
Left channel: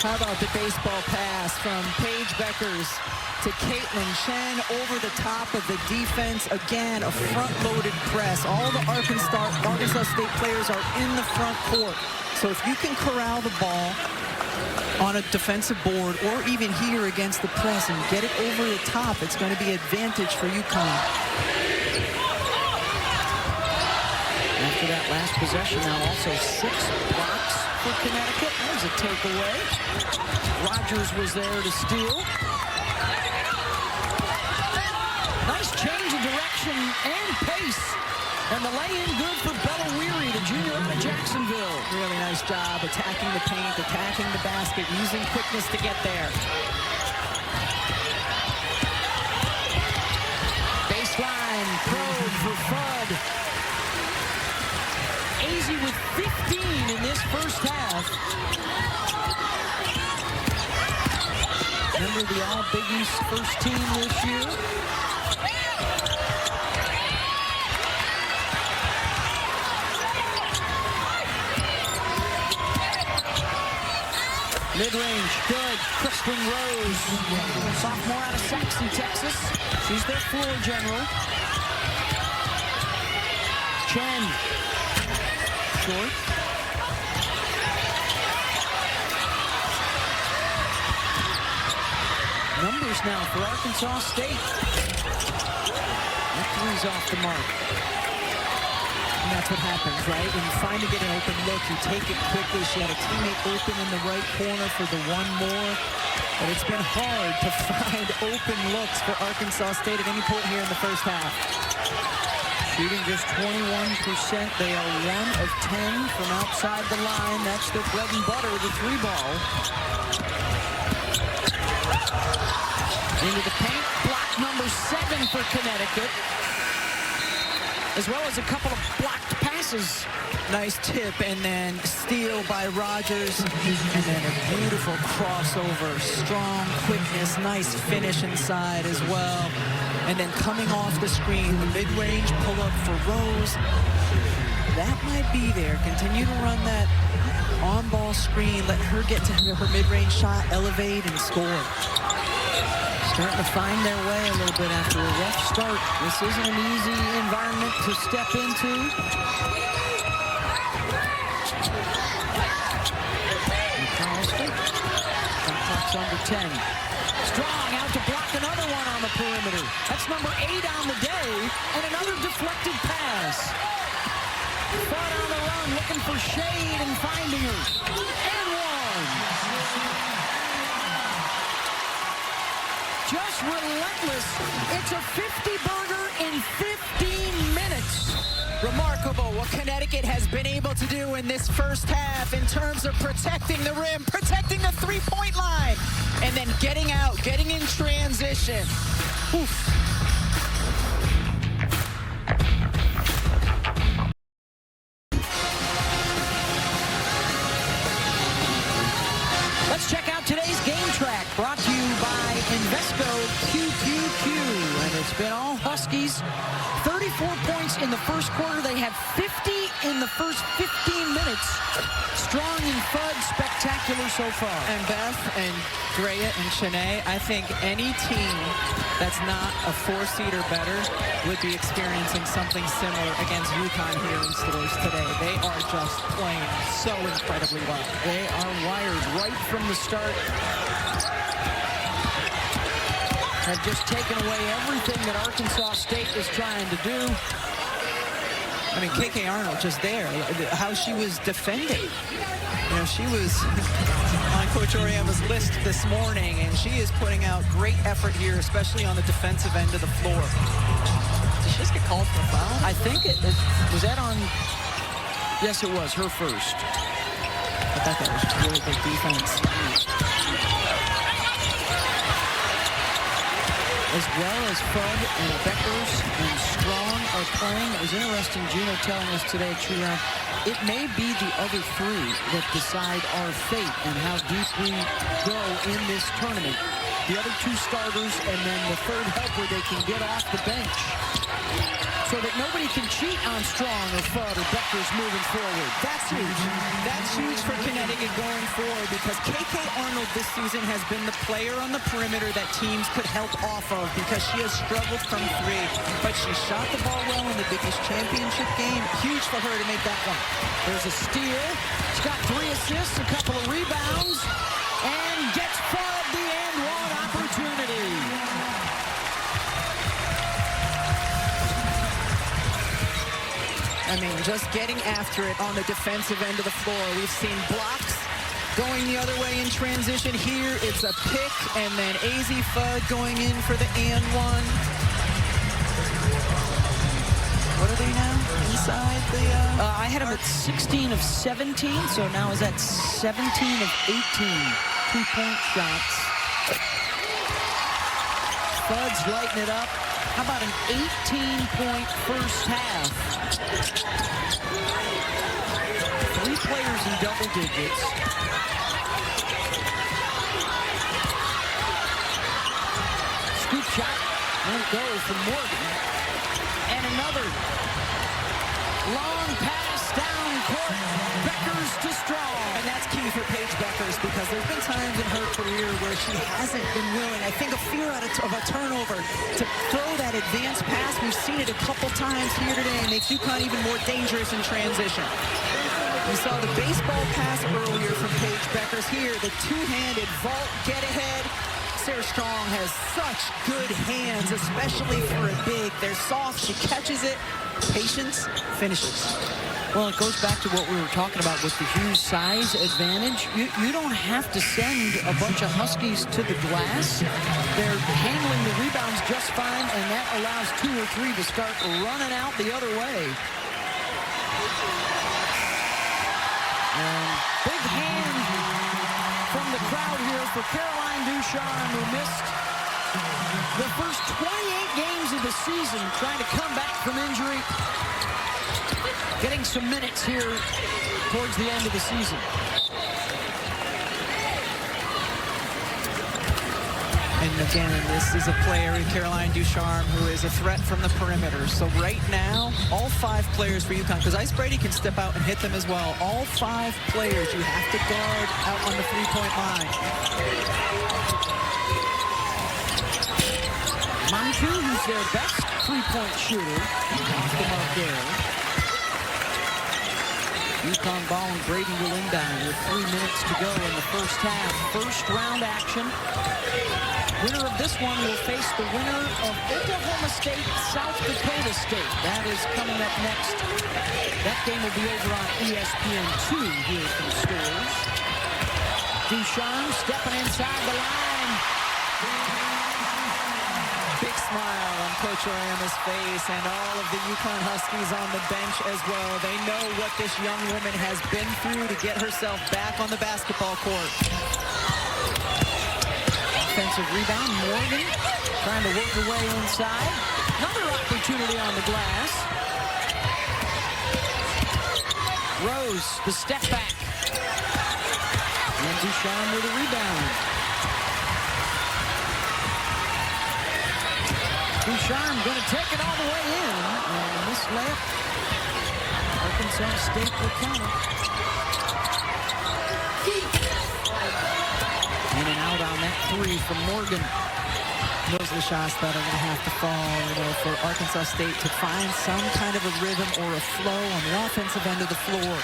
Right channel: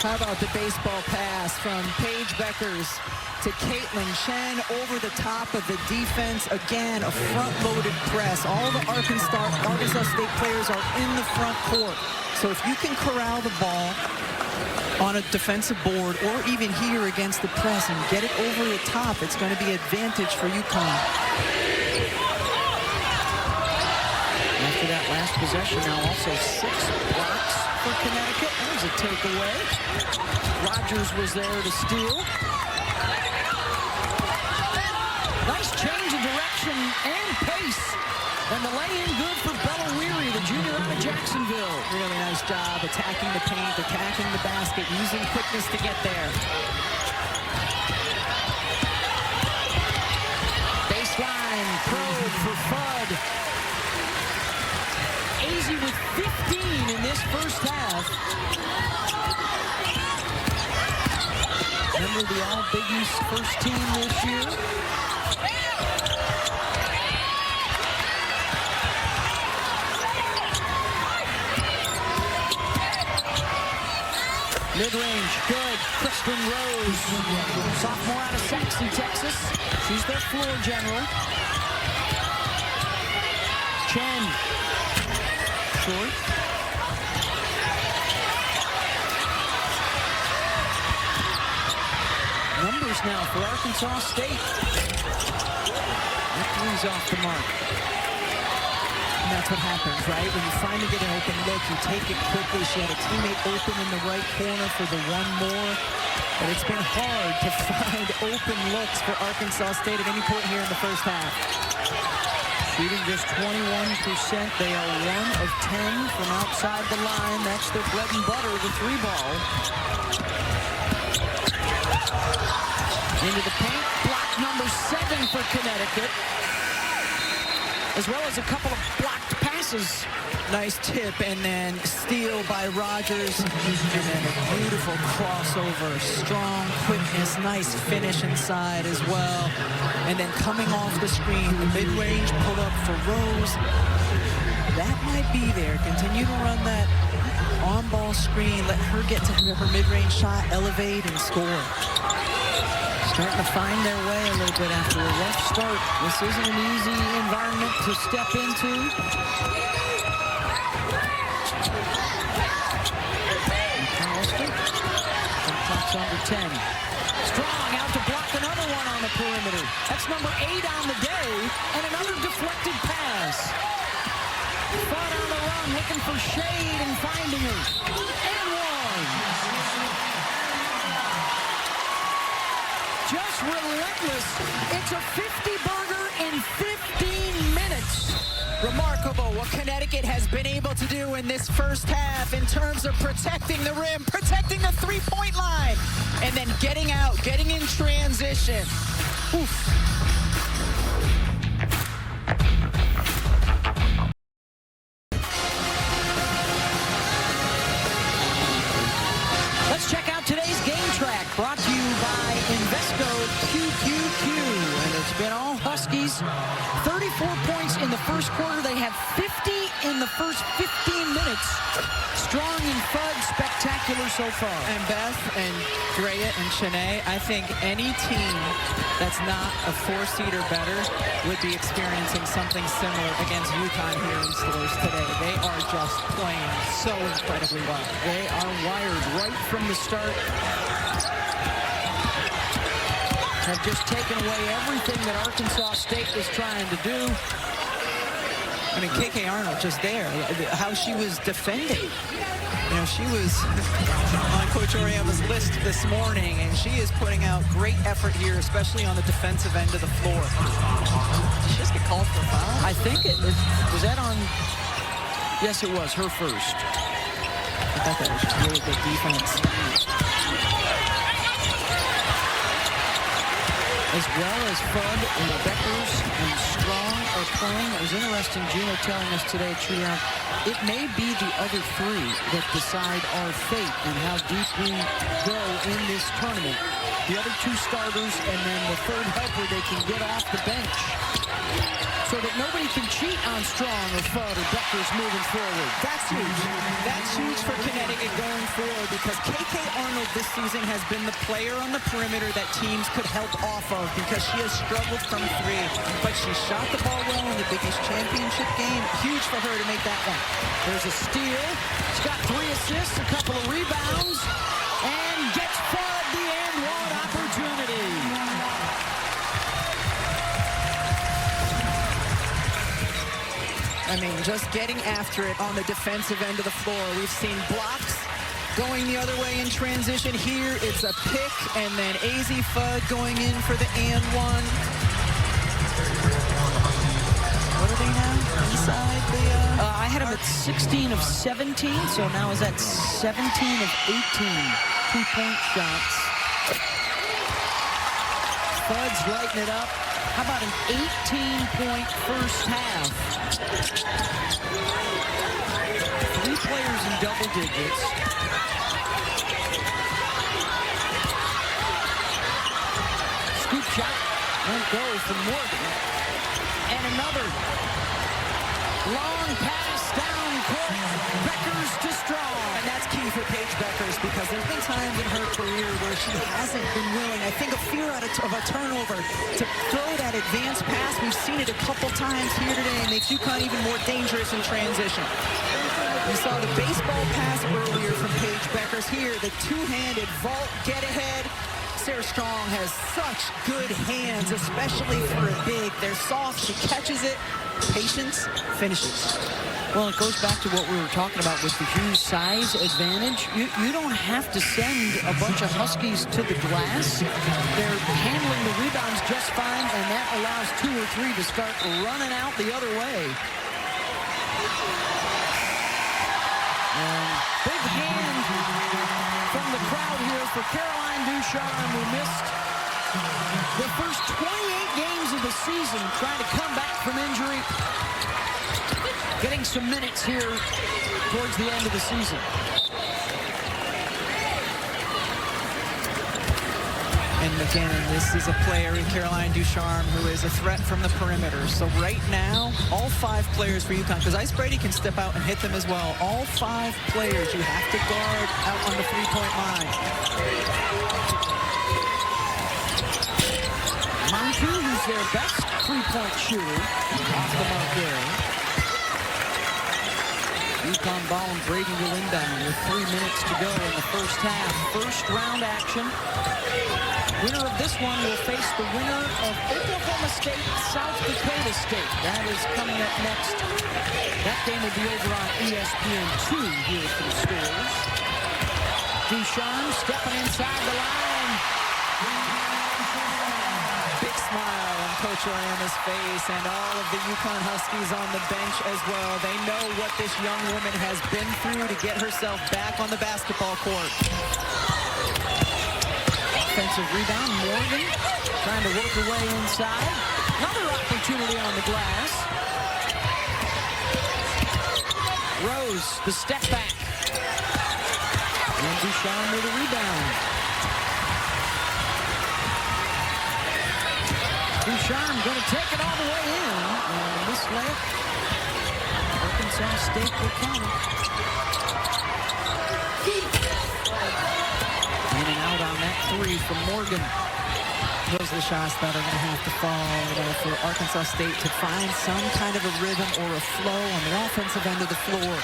How about the baseball pass from Paige Beckers to Caitlin Chen over the top of the defense? Again, a front-loaded press. All the Arkansas State players are in the front court. So if you can corral the ball on a defensive board or even here against the press and get it over the top, it's going to be advantage for UConn. After that last possession, now also 6 blocks for Connecticut. There's a takeaway. Rogers was there to steal. Nice change of direction and pace. And the lay-in good for Bella Weary, the junior out of Jacksonville. Really nice job attacking the paint, attacking the basket, using quickness to get there. Baseline probe for Fudd. Azzi with 15 in this first half. Remember the All-Big East first team this year? Mid-range, good. Kristen Rose, sophomore out of Saxe, Texas. She's their floor general. Chen. Short. numbers now for Arkansas State. That three's off the mark. And that's what happens, right? When you finally get an open look, you take it quickly. She had a teammate open in the right corner for the one more. But it's been hard to find open looks for Arkansas State at any point here in the first half. Shooting just 21%. They are 1 of 10 from outside the line. That's their bread and butter, the three ball. Into the paint. Block number 7 for Connecticut. As well as a couple of blocked passes. Nice tip, and then steal by Rogers, and then a beautiful crossover. Strong quickness, nice finish inside as well. And then coming off the screen, the mid-range pull-up for Rose. That might be there. Continue to run that on-ball screen. Let her get to her mid-range shot, elevate, and score. Starting to find their way a little bit after a rough start. This isn't an easy environment to step into. McAllister. Shot clock's under 10. Strong out to block another one on the perimeter. That's number 8 on the day. And another deflected pass. Fudd on the run, looking for shade and finding her. And one. Just relentless. It's a 50-burger in 15 minutes. Remarkable what Connecticut has been able to do in this first half in terms of protecting the rim, protecting the three-point line, and then getting out, getting in transition. Oof. Let's check out today's game track, brought to you by Invesco QQQ. And it's been all Huskies. 34 points in the first quarter. They have 50 in the first 15 minutes. Strong and Fudd, spectacular so far. And Beth and Drea and Shanae, I think any team that's not a 4-seed or better would be experiencing something similar against UConn here in stores today. They are just playing so incredibly well. They are wired right from the start. Have just taken away everything that Arkansas State is trying to do. I mean, KK Arnold just there, how she was defending. You know, she was on Coach Oriema's list this morning, and she is putting out great effort here, especially on the defensive end of the floor. Did she just get called for a foul? I think it was that on. Yes, it was her first. I thought that was just really good defense. As well as Fudd and Beckers and Strong are playing. It was interesting, Gino telling us today at shoot-around, it may be the other 3 that decide our fate and how deep we go in this tournament. The other 2 starters and then the 3rd helper they can get off the bench, so that nobody can cheat on Strong or Fudd or Beckers moving forward. That's huge. That's huge for Connecticut going forward, because KK Arnold this season has been the player on the perimeter that teams could help off of, because she has struggled from 3. But she shot the ball well in the Big East Championship game. Huge for her to make that one. There's a steal. She's got 3 assists, a couple of rebounds, and gets Fudd the and one opportunity. I mean, just getting after it on the defensive end of the floor. We've seen blocks going the other way in transition. Here, it's a pick, and then AZ Fudd going in for the and one. What are they now? Inside the... I had him at 16 of 17, so now is at 17 of 18 two-point shots. Fudd's lighting it up. How about an 18-point first half? 3 players in double digits. Scoop shot won't go from Morgan. And another long pass down court. Beckers to Strong. And that's key for Paige Beckers, because there's been times in her career where she hasn't been willing, I think, a fear of a turnover, to throw that advanced pass. We've seen it a couple times here today. It makes UConn even more dangerous in transition. We saw the baseball pass earlier from Paige Beckers. Here, the two-handed vault get ahead Sarah Strong has such good hands, especially for a big. They're soft. She catches it. Patience, finishes. Well, it goes back to what we were talking about with the huge size advantage. You don't have to send a bunch of Huskies to the glass. They're handling the rebounds just fine, and that allows 2 or 3 to start running out the other way. And big hand from the crowd here for Caroline Ducharme, who missed the first 28 games of the season, trying to come back from injury. Getting some minutes here towards the end of the season. And again, this is a player, Caroline Ducharme, who is a threat from the perimeter. So right now, all 5 players for UConn, because Ice Brady can step out and hit them as well. All 5 players you have to guard out on the 3-point line. Mantu, who's their best 3-point shooter, off the mark there. UConn ball, and Brady will inbound with 3 minutes to go in the first half. First round action. Winner of this one will face the winner of Oklahoma State, South Dakota State. That is coming up next. That game will be over on ESPN2 here from Stores. Ducharme stepping inside the line. Big smile on Coach Oriama's face, and all of the UConn Huskies on the bench as well. They know what this young woman has been through to get herself back on the basketball court. Offensive rebound, Morgan trying to work her way inside. Another opportunity on the glass. Rose, the step back. And Ducharme with a rebound. Ducharme going to take it all the way in. And a missed layup. Arkansas State will counter. In and out on that 3 from Morgan. Those are the shots that are going to have to fall, for Arkansas State to find some kind of a rhythm or a flow on the offensive end of the floor.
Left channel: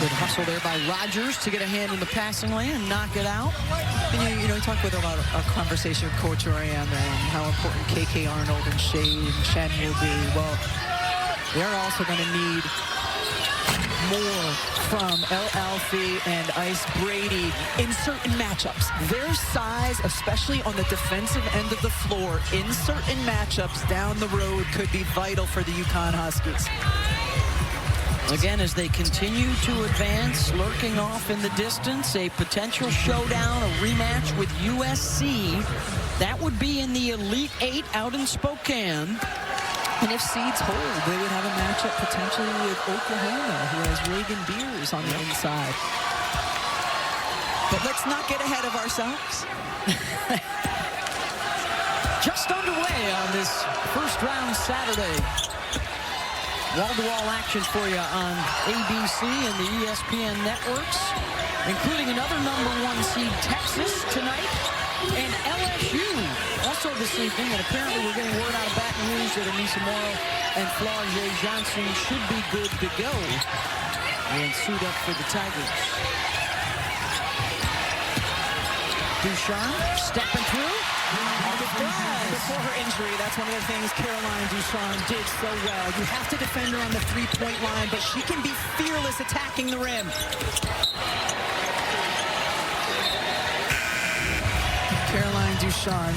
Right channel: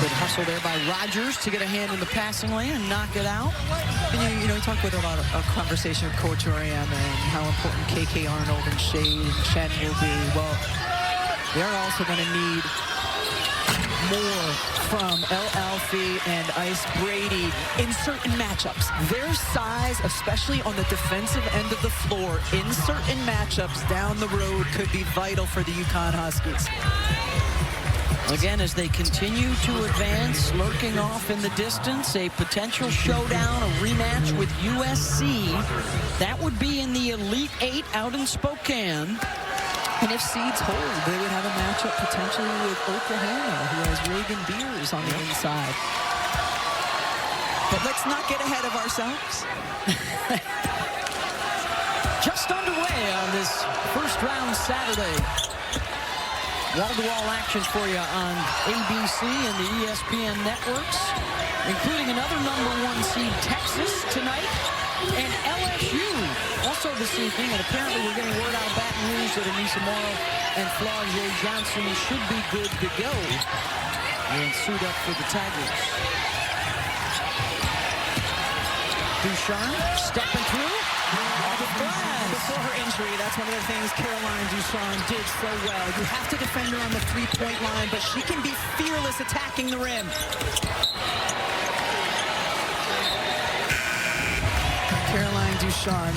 Good hustle there by Rogers to get a hand in the passing lane and knock it out. And you talk with about a conversation with Coach Oriama and how important KK Arnold and Shade and Chen will be. Well, they're also going to need more from El Alfie and Ice Brady in certain matchups. Their size, especially on the defensive end of the floor, in certain matchups down the road could be vital for the UConn Huskies. Again, as they continue to advance, lurking off in the distance, a potential showdown, a rematch with USC. That would be in the Elite 8 out in Spokane. And if seeds hold, they would have a matchup potentially with Oklahoma, who has Reagan Beers on the inside. But let's not get ahead of ourselves. Just underway on this first round Saturday. Wall-to-wall action for you on ABC and the ESPN networks, including another #1 seed Texas tonight, and LSU also this evening. And apparently we're getting word out of Baton Rouge that Anissa Morrow and Flau'jae Johnson should be good to go and suit up for the Tigers. Ducharme stepping through. Before her injury, that's one of the things Caroline Ducharme did so well. You have to defend her on the 3-point line, but she can be fearless attacking the rim. Caroline Ducharme,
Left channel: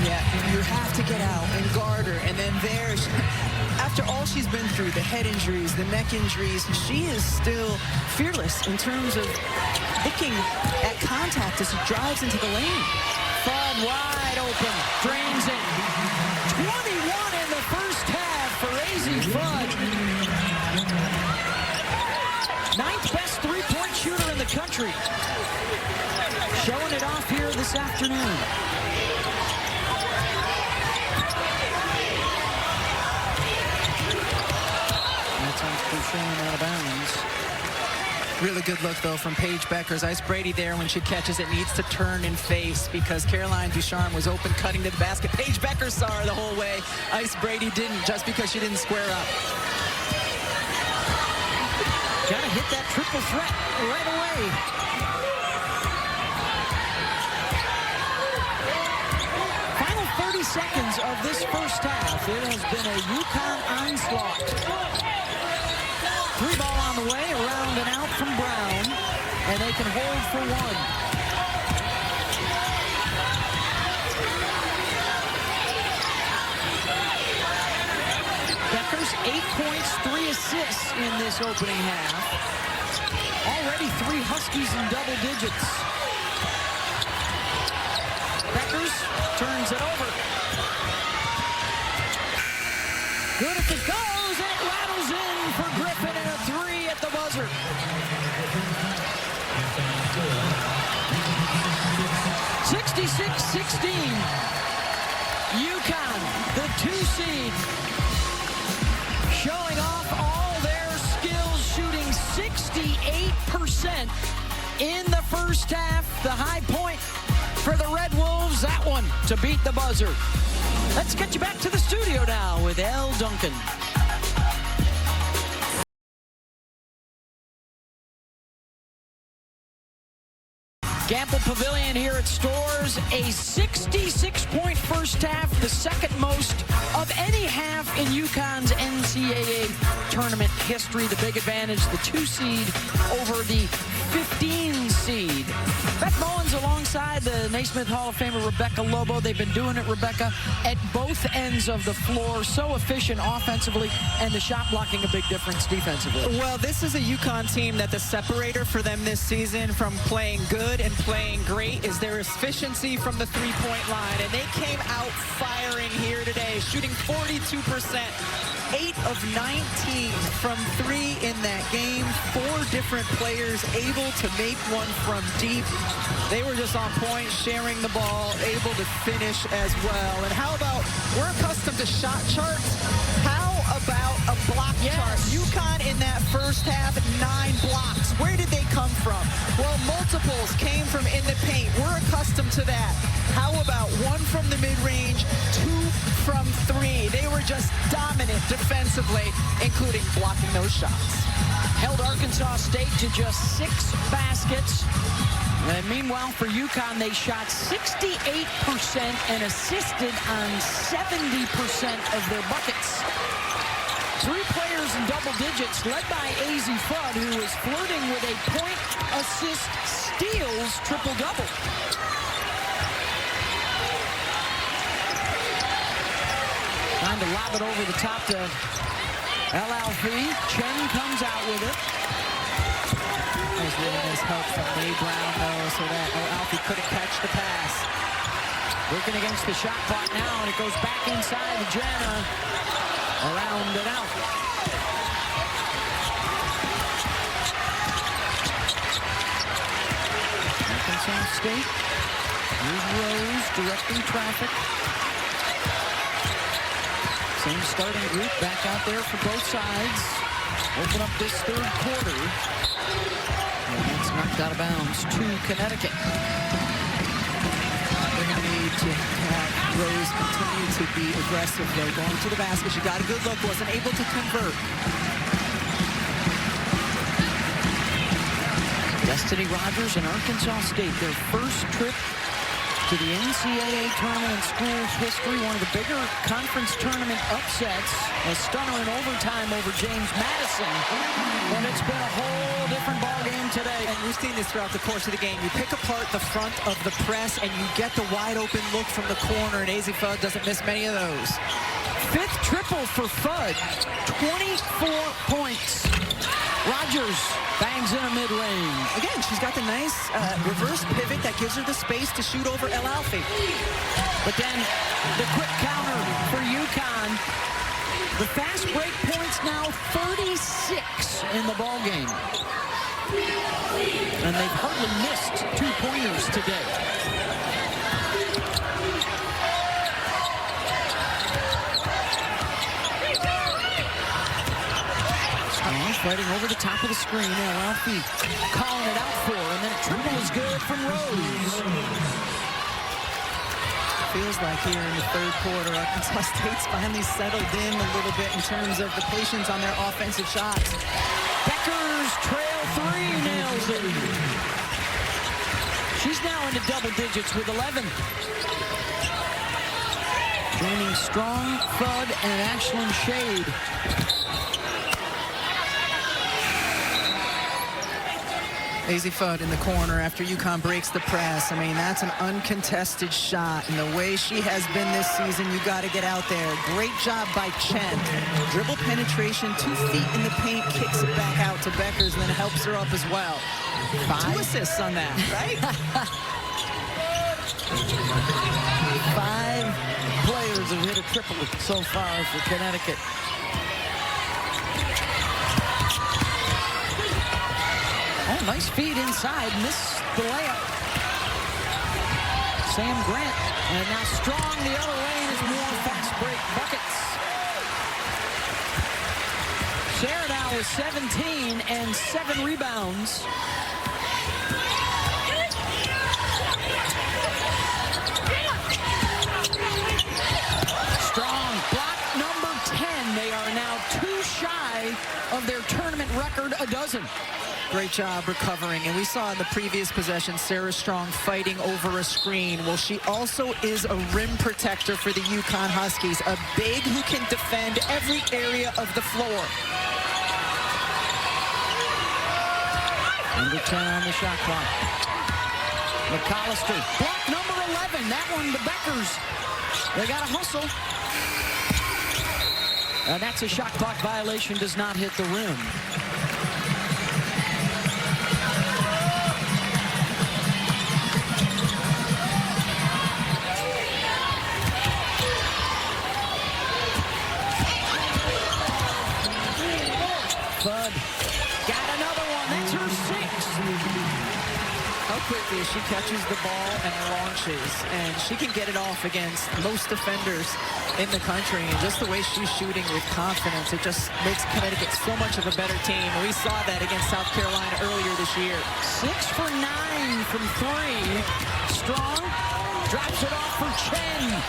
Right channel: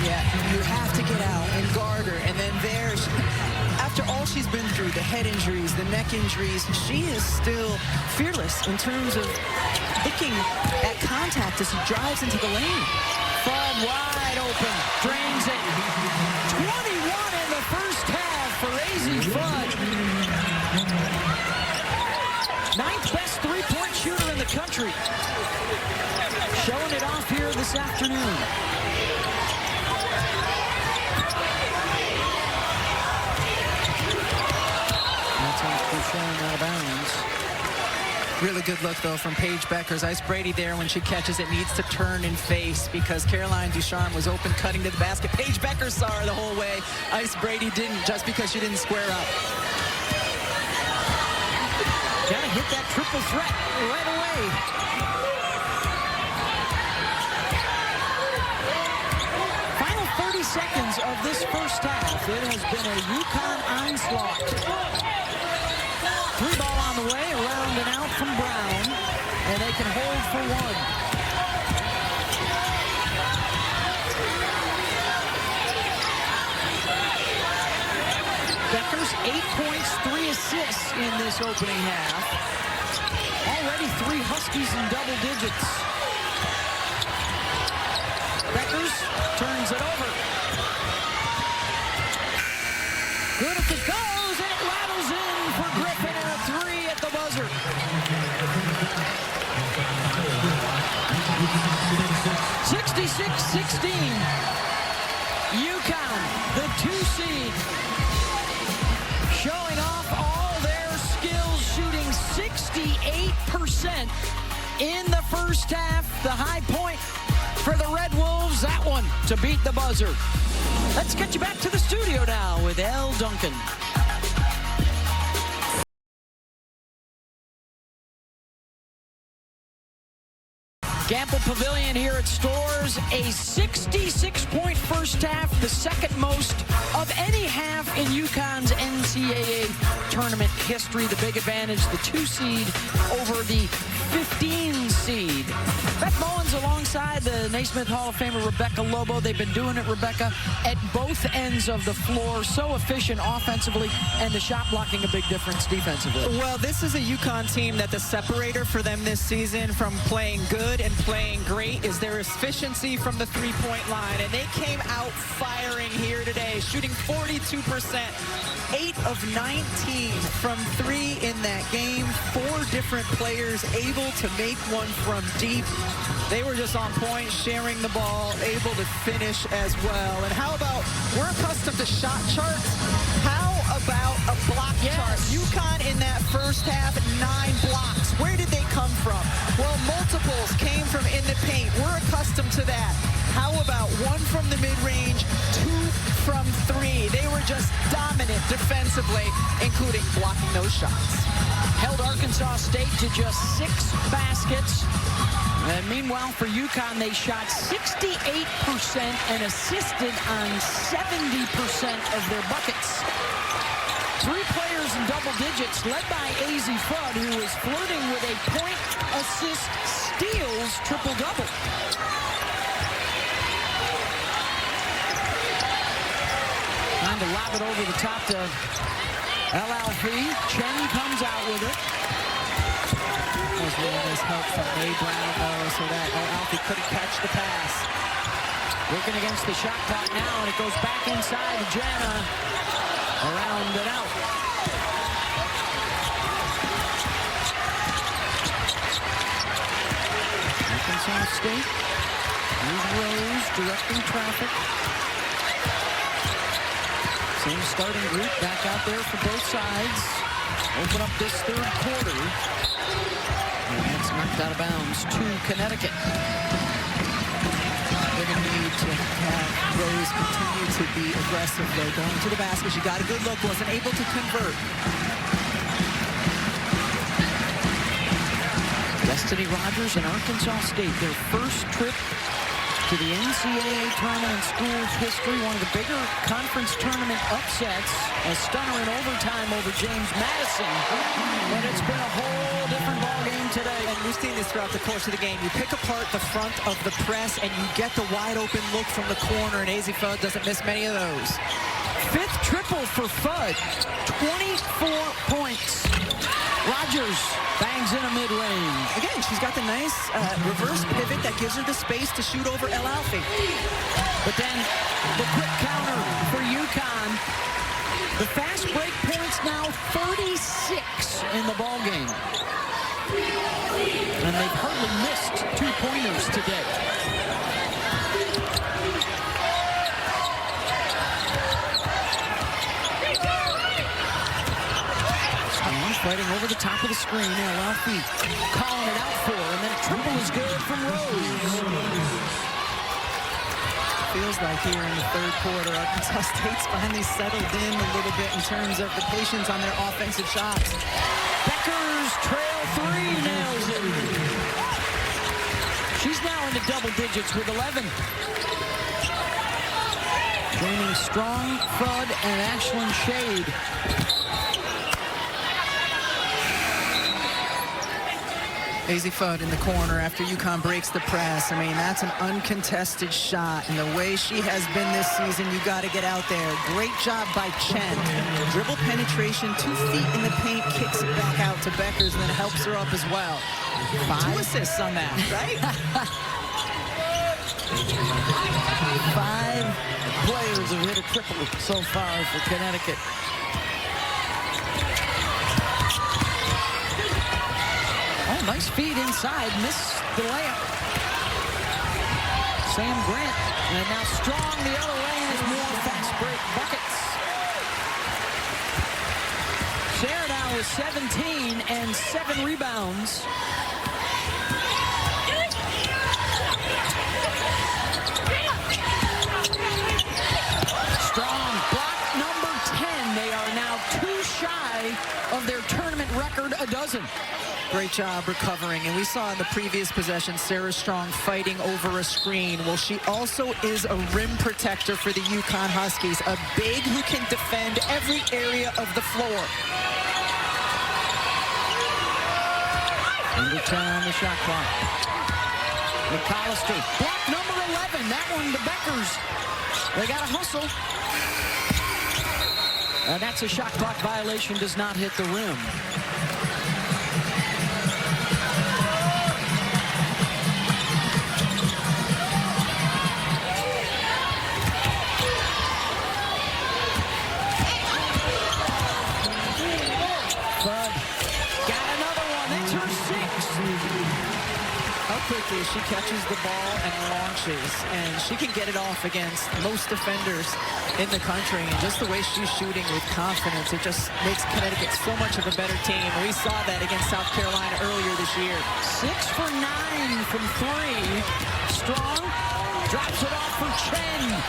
you have to get out and guard her. And then after all she's been through, the head injuries, the neck injuries, she is still fearless in terms of looking at contact as she drives into the lane. Fudd wide open, drains it. 21 in the first half for Azzi Fudd. 9th best 3-point shooter in the country. Showing it off here this afternoon. That's off Ducharme out of bounds. Really good look, though, from Paige Beckers. Ice Brady there when she catches it needs to turn and face because Caroline Ducharme was open cutting to the basket. Paige Beckers saw her the whole way. Ice Brady didn't, just because she didn't square up. Got to hit that triple threat right away. Final 30 seconds of this first half. It has been a UConn onslaught. 3 ball on the way, around and out from Brown, and they can hold for 1. Beckers 8 points, 3 assists in this opening half. Already 3 Huskies in double digits. Beckers turns it over. Good if it goes, and it rattles in for Griffin, and a 3 at the buzzer. (66-16). UConn, the 2 seed, showing off all their skills, shooting 68% in the first half. The high point for the Red Wolves, that one to beat the buzzer. Let's get you back to the studio now with Elle Duncan. Gamble Pavilion here at Storrs, a 66-point first half, the second most of any half in UConn's NCAA tournament history. The big advantage, the 2 seed over the 15 seed. Beth Mullins alongside the Naismith Hall of Famer Rebecca Lobo. They've been doing it, Rebecca, at both ends of the floor. So efficient offensively, and the shot blocking a big difference defensively. Well, this is a UConn team that the separator for them this season from playing good and playing great is their efficiency from the 3-point line. And they came out firing here today, shooting 42%. 8 of 19 from 3 in that game. 4 different players able to make one from deep. They were just on point, sharing the ball, able to finish as well. And how about, we're accustomed to shot charts. How about a block chart? UConn in that first half, 9 blocks. Where did they come from? Well, multiples came from in the paint. We're accustomed to that. How about 1 from the mid-range, 2 from 3? They were just dominant defensively, including blocking those shots. Held Arkansas State to just 6 baskets. And meanwhile, for UConn, they shot 68% and assisted on 70% of their buckets. 3 players in double digits, led by AZ Fudd, who is flirting with a point, assist, steals, triple-double. Trying to lob it over the top to El Alfi. Chen comes out with it. That was really nice help from Mae Brown, though, so that El Alfi couldn't catch the pass. Working against the shot clock now, and it goes back inside to Jana. Around and out. Arkansas State. Here's Rose directing traffic. Same starting group back out there for both sides. Open up this third quarter. And that's knocked out of bounds to Connecticut. They're going to need to have Rose continue to be aggressive, though. Going to the basket, she got a good look, wasn't able to convert. Destiny Rogers and Arkansas State, their first trip to the NCAA tournament in school history. One of the bigger conference tournament upsets. A stunner in overtime over James Madison. But it's been a whole different ball game today. And we've seen this throughout the course of the game. You pick apart the front of the press and you get the wide open look from the corner, and AZ Fudd doesn't miss many of those. 5th triple for Fudd, 24 points. Rogers bangs in a mid-range. Again, she's got the nice reverse pivot that gives her the space to shoot over El Alfi. But then the quick counter for UConn. The fast break points now 36 in the ball game. And they've hardly missed 2-pointers today. Strong fighting over the top of the screen. El Alfi calling it out for, and then a triple is good from Rose. Feels like here in the third quarter, Arkansas State's finally settled in a little bit in terms of the patience on their offensive shots. Becker's trail 3 nails it. She's now into double digits with 11. Joining Strong, Fudd, and Ashlyn Shade. Daisy Fudd in the corner after UConn breaks the press. I mean, that's an uncontested shot. And the way she has been this season, you got to get out there. Great job by Chen. Dribble penetration, 2 feet in the paint, kicks it back out to Beckers, and then helps her up as well. 2 assists on that, right? 5 players have hit a triple so far for Connecticut. Oh, nice feed inside. Missed the layup. Sam Grant. And now Strong the other way, and it's more fast break buckets. Sarah now with 17 and 7 rebounds. Strong block number 10. They are now 2 shy of their tournament record, a dozen. Great job recovering, and we saw in the previous possession Sarah Strong fighting over a screen. Well, she also is a rim protector for the UConn Huskies, a big who can defend every area of the floor. Under 10 on the shot clock. McAllister, block number 11. That one to Beckers. They got to hustle. That's a shot clock violation, does not hit the rim. Fudd got another one. That's her 6th. How quickly she catches the ball and launches, and she can get it off against most defenders in the country, and just the way she's shooting with confidence, it just makes Connecticut so much of a better team. And we saw that against South Carolina earlier this year. 6 for 9 from 3. Strong drops it off for Chen.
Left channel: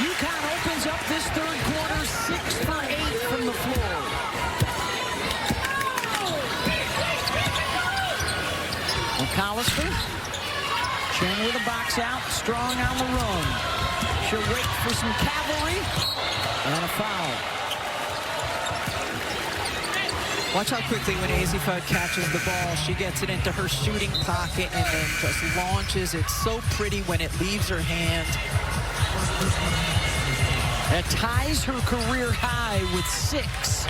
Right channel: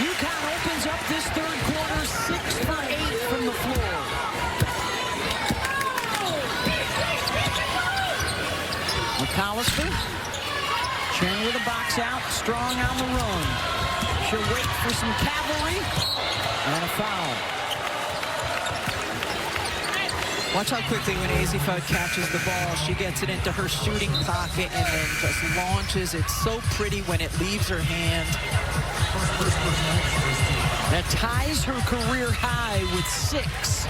UConn opens up this third quarter 6 for 8 from the floor. McAllister. Chen with a box out. Strong on the run. She'll wait for some cavalry. And a foul. Watch how quickly when Daisy Fudd catches the ball, she gets it into her shooting pocket and then just launches. It's so pretty when it leaves her hand. That ties her career high with 6.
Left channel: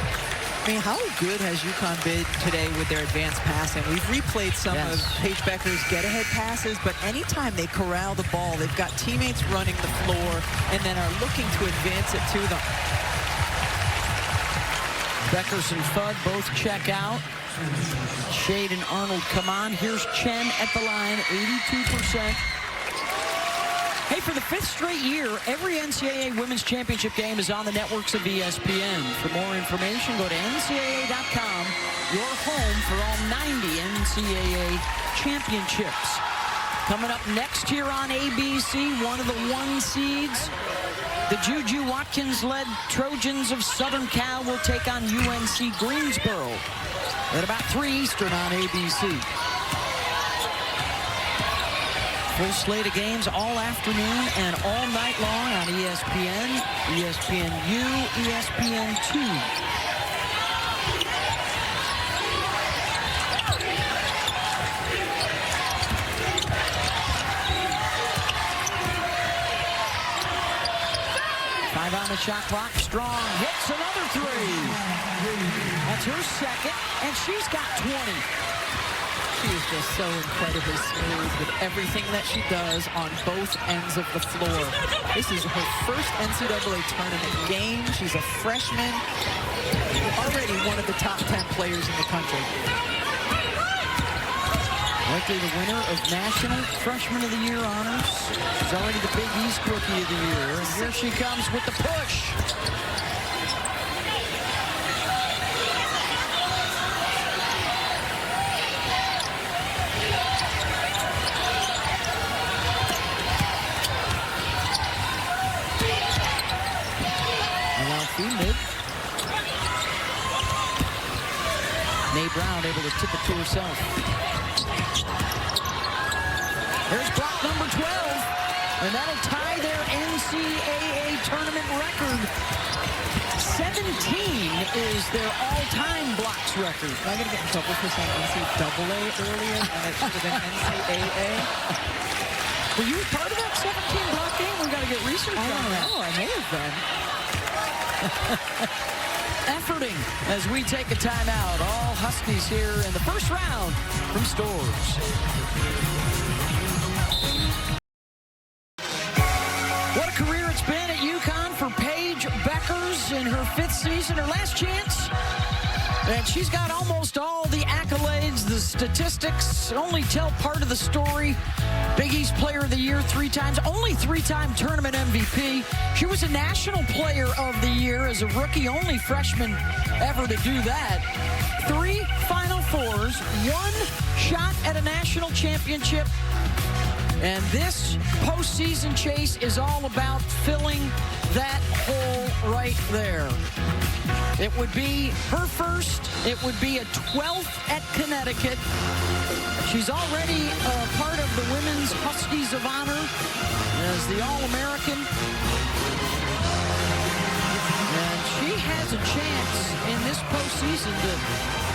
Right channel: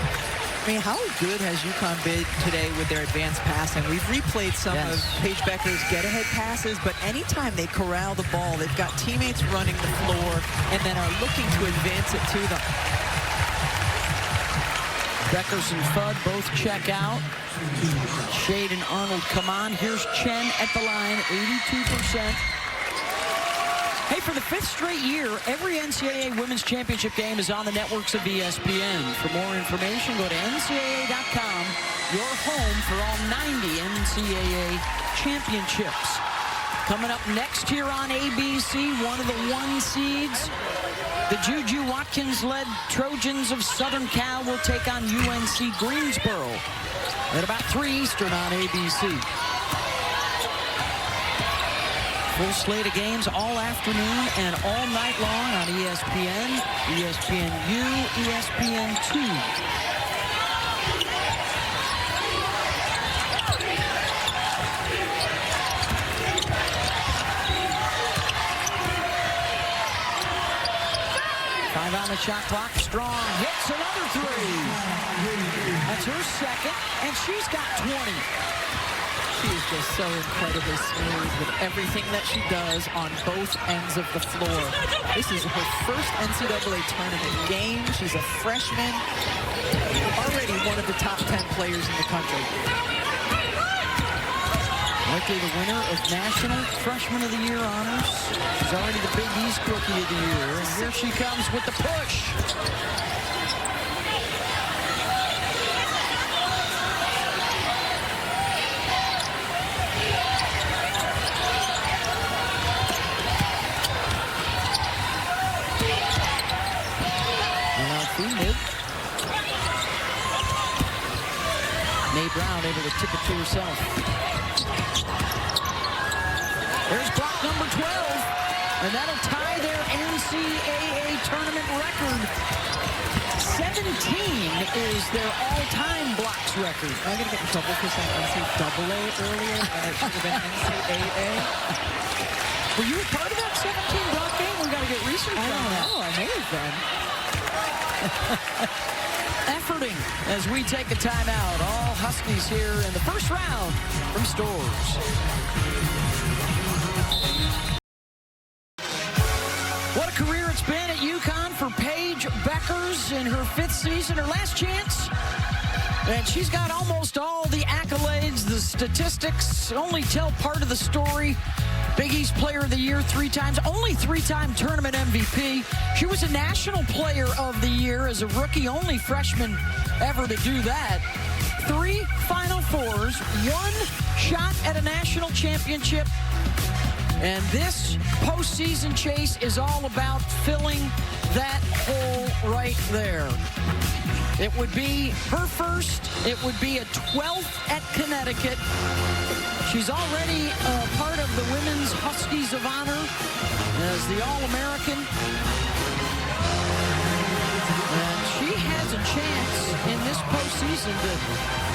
I mean, how good has UConn been today with their advanced passing? We've replayed some of Paige Becker's get-ahead passes, but anytime they corral the ball, they've got teammates running the floor and then are looking to advance it to them. Beckers and Fudd both check out. Shade and Arnold come on. Here's Chen at the line, 82%. Hey, for the 5th straight year, every NCAA Women's Championship game is on the networks of ESPN. For more information, go to NCAA.com, your home for all 90 NCAA championships. Coming up next here on ABC, one of the 1 seeds, the Juju Watkins-led Trojans of Southern Cal will take on UNC Greensboro at about 3 Eastern on ABC. Full slate of games all afternoon and all night long on ESPN, ESPNU, ESPN2. Five on the shot clock. Strong hits another 3. That's her 2nd, and she's got 20. She is just so incredibly smooth with everything that she does on both ends of the floor. This is her first NCAA tournament game. She's a freshman, already one of the top 10 players in the country. Likely the winner of National Freshman of the Year honors. She's already the Big East Rookie of the Year, and here she comes with the push. Mid. Mae Brown able to tip it to herself. There's block number 12, and that'll tie their NCAA tournament record. 17 is their all-time blocks record. Am I going to get in trouble for saying NCAA earlier when it should have been NCAA? Were you a part of that 17 block game? We've got to get research on that. I don't know. I may have been. Efforting as we take a timeout. All Huskies here in the first round from Storrs. What a career it's been at UConn for Paige Bueckers in her 5th season, her last chance. And she's got almost all the accolades. The statistics only tell part of the story. Big East Player of the Year 3 times, only 3-time tournament MVP. She was a National Player of the Year as a rookie, only freshman ever to do that. 3 Final Fours, 1 shot at a national championship. And this postseason chase is all about filling that hole right there. It would be her first. It would be a 12th at Connecticut. She's already a part of the Women's Huskies of Honor as the All-American. And she has a chance in this postseason to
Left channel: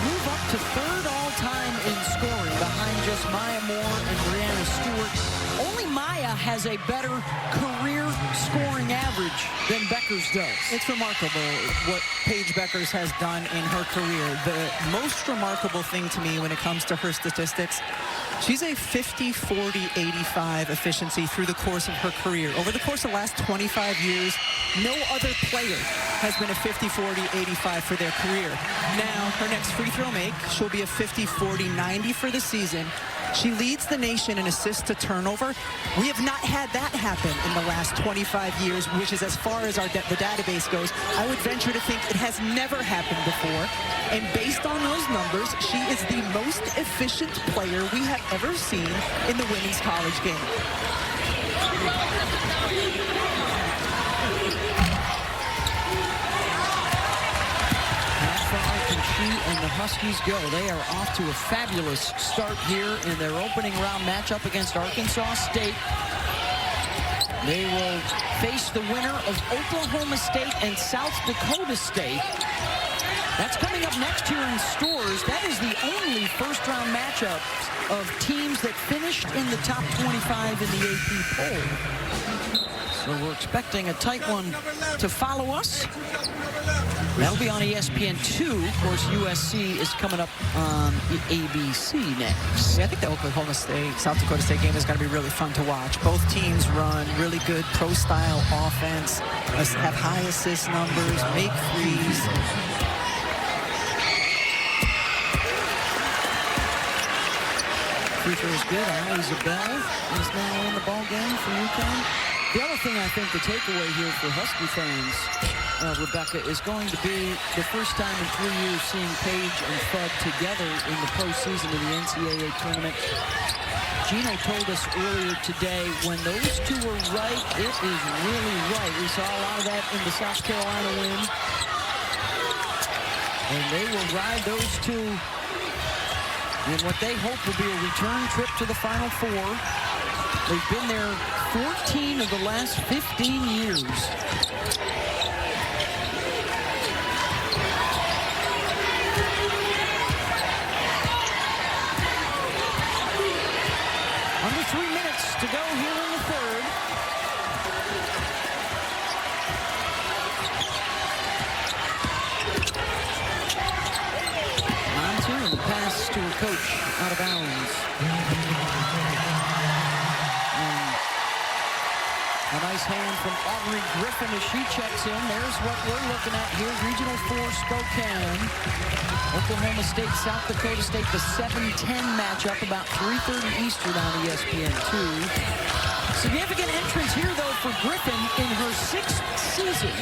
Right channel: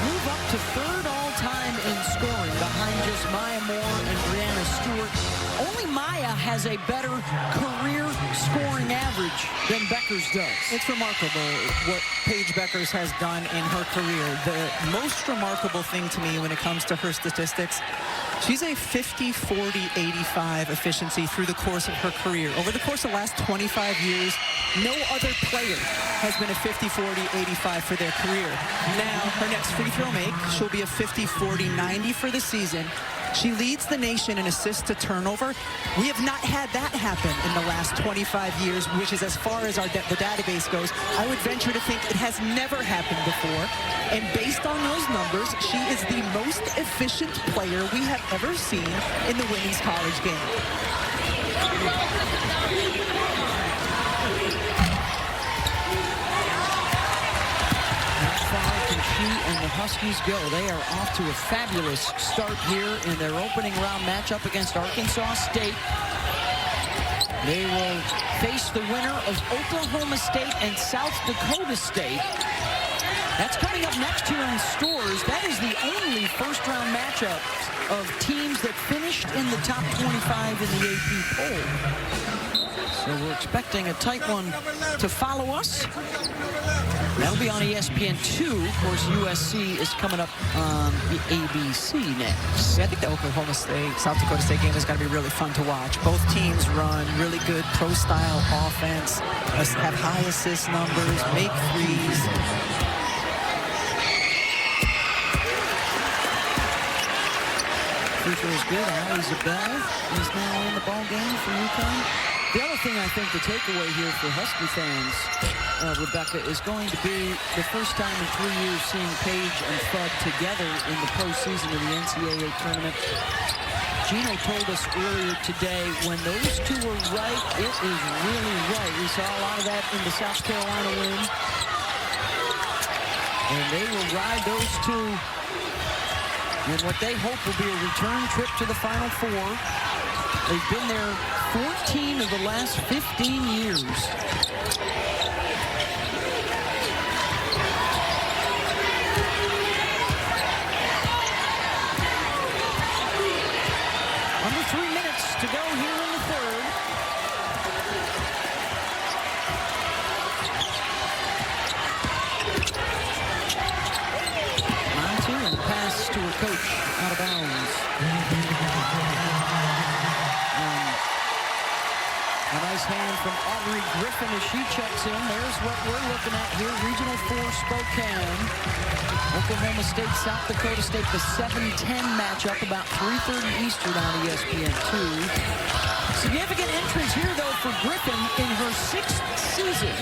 move up to 3rd all-time in scoring behind just Maya Moore and Brianna Stewart. Only Maya has a better career scoring average than Bueckers does. It's remarkable what Paige Bueckers has done in her career. The most remarkable thing to me when it comes to her statistics, she's a 50-40-85 efficiency through the course of her career. Over the course of the last 25 years, no other player has been a 50-40-85 for their career. Now, her next free throw make, she'll be a 50-40-90 for the season. She leads the nation in assists to turnover. We have not had that happen in the last 25 years, which is as far as the database goes. I would venture to think it has never happened before. And based on those numbers, she is the most efficient player we have ever seen in the women's college game. How far can she and the Huskies go? They are off to a fabulous start here in their opening round matchup against Arkansas State. They will face the winner of Oklahoma State and South Dakota State. That's coming up next here in Storrs. That is the only first-round matchup of teams that finished in the top 25 in the AP poll. So we're expecting a tight one to follow us. That'll be on ESPN2. Of course, USC is coming up on ABC next. Yeah, I think the Oklahoma State, South Dakota State game is going to be really fun to watch. Both teams run really good pro-style offense, have high assist numbers, make threes. Free throw is good. Allie Zabel is now in the ball game for UConn. The other thing I think the takeaway here for Husky fans, Rebecca, is going to be the first time in 3 years seeing Paige and Fudd together in the postseason of the NCAA tournament. Gino told us earlier today, when those two were right, it is really right. We saw a lot of that in the South Carolina win. And they will ride those two in what they hope will be a return trip to the Final Four. They've been there 14 of the last 15 years. Under 3 minutes to go here in the third. Montu and the pass to her coach out of bounds. A nice hand from Aubrey Griffin as she checks in. There's what we're looking at here. Regional 4 Spokane. Oklahoma State, South Dakota State, the 7-10 matchup, about 3:30 Eastern on ESPN2. Significant entrance here, though, for Griffin in her 6th season.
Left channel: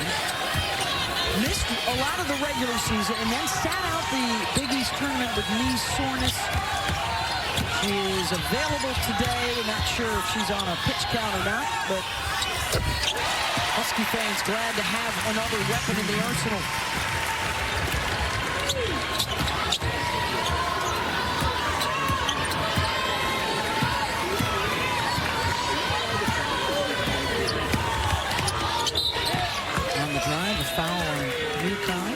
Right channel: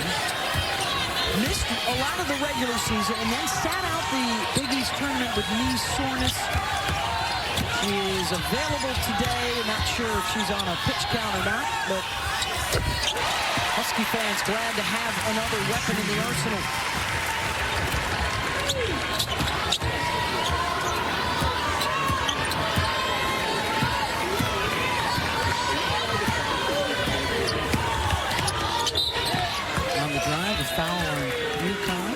Missed a lot of the regular season and then sat out the Big East tournament with knee soreness. She is available today. Not sure if she's on a pitch count or not, but Husky fans glad to have another weapon in the arsenal. On the drive, a foul on UConn.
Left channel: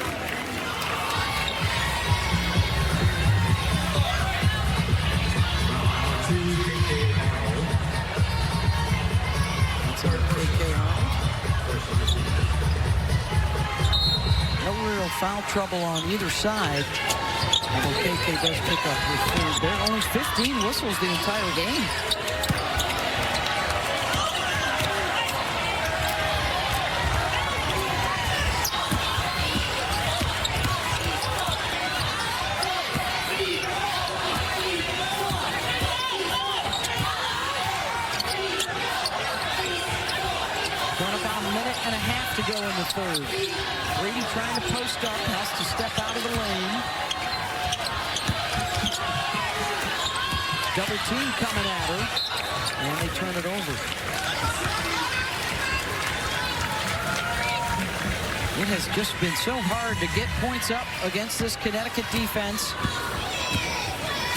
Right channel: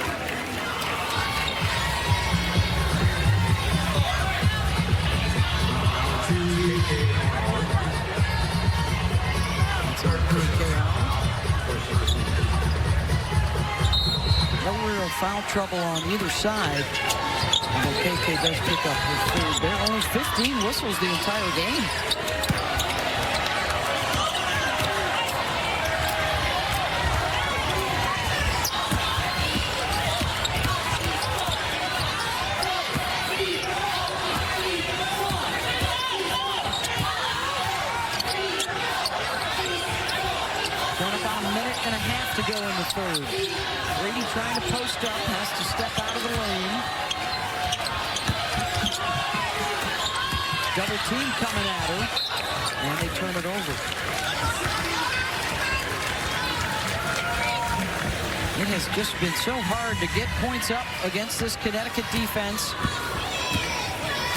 That's on KK Arnold. No real foul trouble on either side. Although KK does pick up her third there. Only 15 whistles the entire game. Going about a minute and a half to go in the third. Brady trying to post up, has to step out of the lane. Double team coming at her, and they turn it over. It has just been so hard to get points up against this Connecticut defense.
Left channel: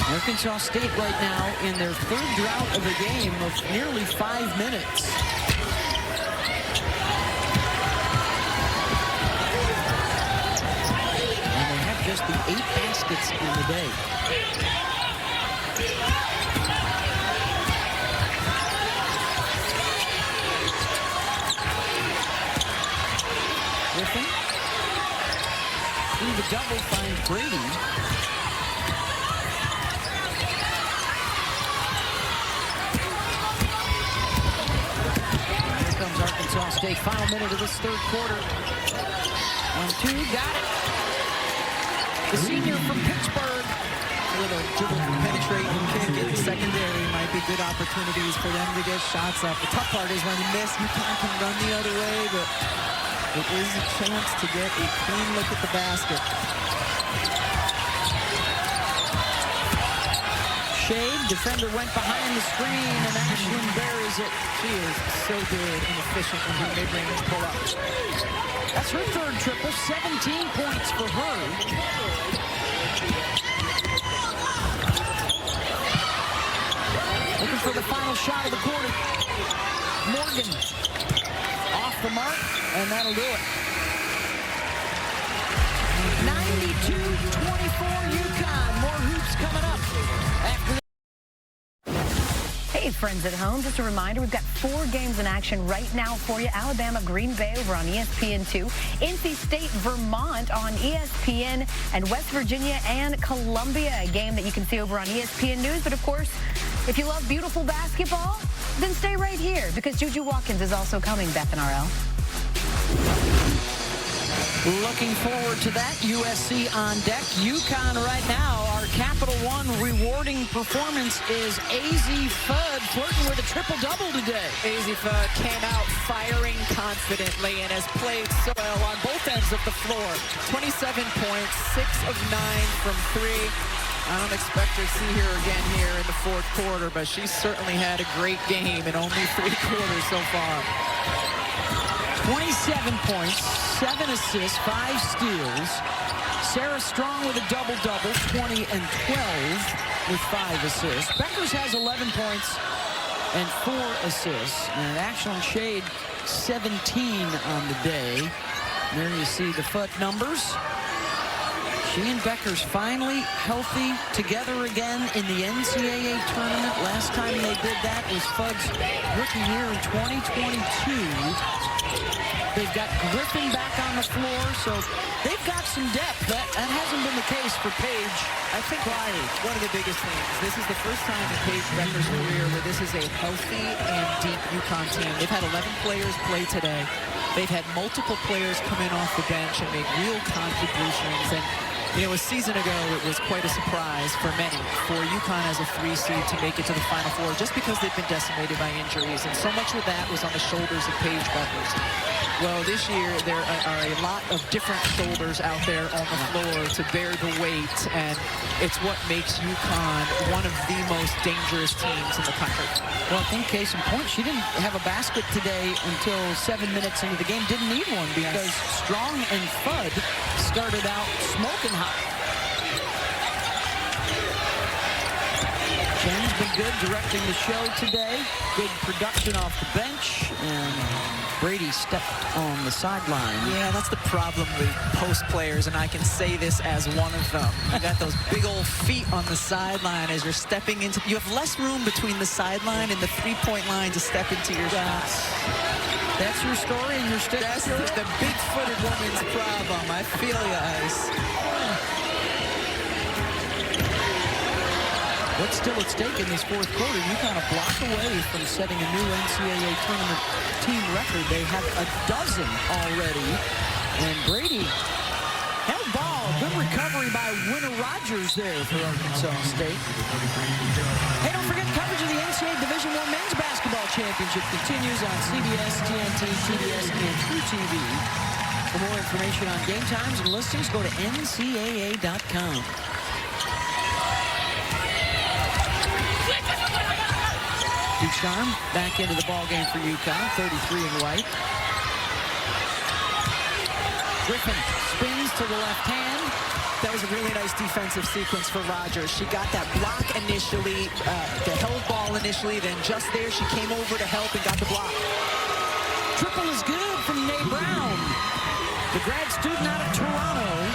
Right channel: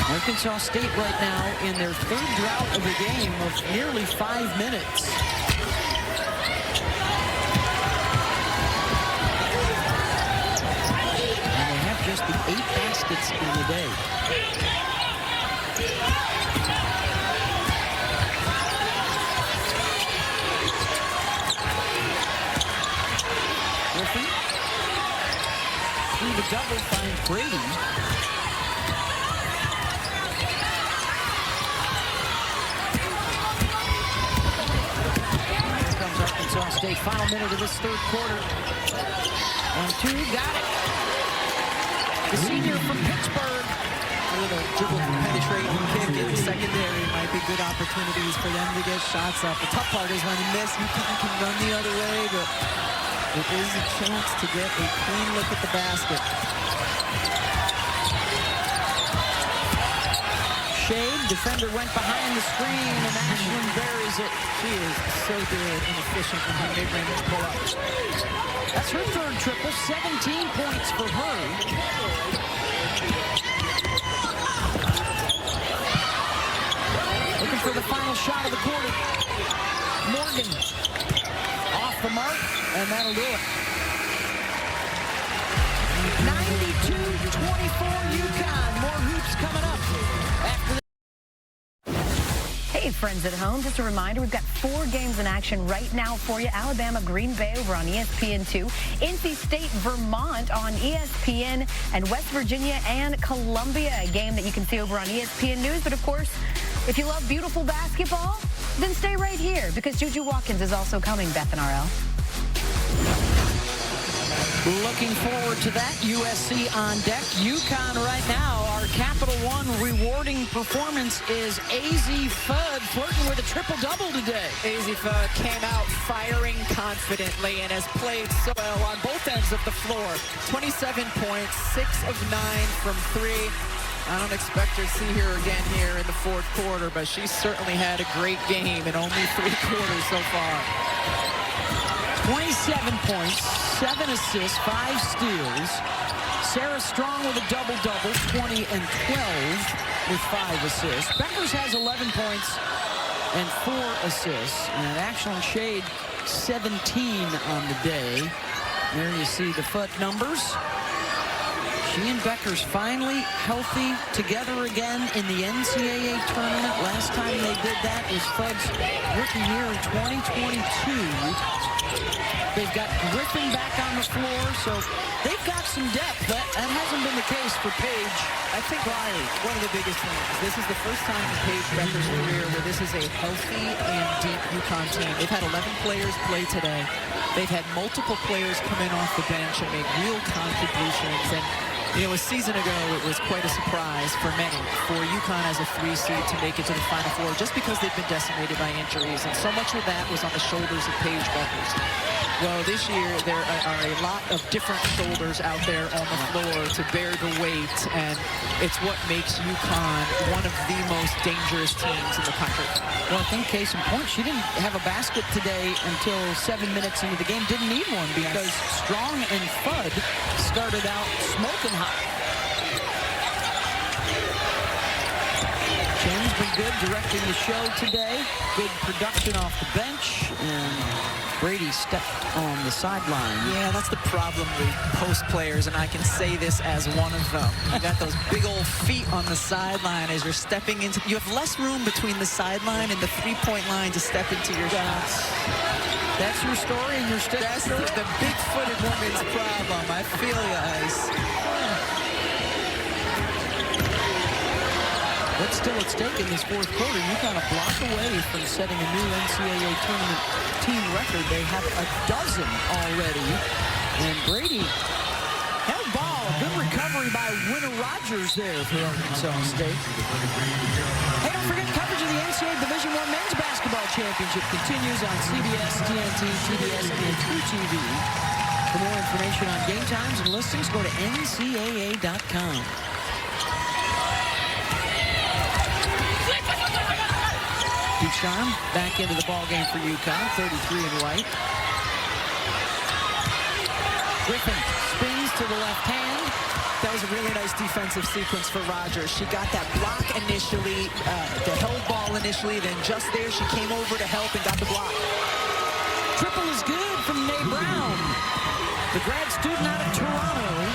Arkansas State right now in their third drought of the game of nearly 5 minutes. And they have just the 8 baskets in the day. Griffin through the double finds Brady. And here comes Arkansas State. Final minute of this third quarter. 1-2, got it. The senior from Pittsburgh. A little dribble, penetrate, and kick in secondary might be good opportunities for them to get shots up. The tough part is when you miss, UConn can run the other way, but it is a chance to get a clean look at the basket. Shade, defender went behind the screen, and Ashland buries it. She is so good and efficient in her mid-range pull-up. That's her third triple, 17 points for her. Looking for the final shot of the quarter. Morgan off the mark, and that'll do it. 92-24 UConn. More hoops coming up after this. Hey, friends at home, just a reminder, we've got 4 games in action right now for you. Alabama, Green Bay over on ESPN2, NC State, Vermont on ESPN, and West Virginia and Columbia, a game that you can see over on ESPN News. But of course, if you love beautiful basketball, then stay right here because Juju Watkins is also coming, Beth and RL. Looking forward to that. USC on deck. UConn right now. Our Capital One rewarding performance is AZ Fudd flirting with a triple-double today. AZ Fudd came out firing confidently and has played so well on both ends of the floor. 27 points, 6 of 9 from 3. I don't expect her to see her again here in the fourth quarter, but she certainly had a great game in only 3 quarters so far. 27 points, 7 assists, 5 steals. Sarah Strong with a double-double, 20 and 12 with 5 assists. Beckers has 11 points and 4 assists. And Ashland Shade, 17 on the day. There you see the Fudd numbers. She and Beckers finally healthy together again in the NCAA tournament. Last time they did that was Fudd's rookie year in 2022. They've got Griffin back on the floor, so they've got some depth. That hasn't been the case for Paige. I think one of the biggest things, this is the first time in Paige Becker's career where this is a healthy and deep UConn team. They've had 11 players play today. They've had multiple players come in off the bench and make real contributions. And you know, a season ago, it was quite a surprise for many for UConn as a 3 seed to make it to the Final Four just because they've been decimated by injuries. And so much of that was on the shoulders of Paige Beckers. Well, this year, there are a lot of different shoulders out there on the floor to bear the weight, and it's what makes UConn one of the most dangerous teams in the country. Well, I think case in point, she didn't have a basket today until 7 minutes into the game. Didn't need one because Strong and Fudd started out smoking hot. Chen's been good directing the show today. Good production off the bench, and Brady stepped on the sideline. Yeah, that's the problem with post players, and I can say this as one of them. You got those big old feet on the sideline as you're stepping into. You have less room between the sideline and the three-point line to step into your shots. That's your story, and you're sticking That's to it? the big-footed woman's problem. I feel you, Ice. What's still at stake in this fourth quarter? You kind of block away from setting a new NCAA tournament team record. They have a dozen already. And Brady held ball. Good recovery by Winter Rogers there for Arkansas State. Hey, don't forget coverage of the NCAA Division I Men's Basketball Championship continues on CBS, TNT, TBS, and TruTV. For more information on game times and listings, go to ncaa.com. Ducharme back into the ball game for UConn, 33 in white. Griffin spins to the left hand. That was a really nice defensive sequence for Rogers. She got that block initially, the held ball initially, then just there she came over to help and got the block. Triple is good from Nay Brown, the grad student out of Toronto.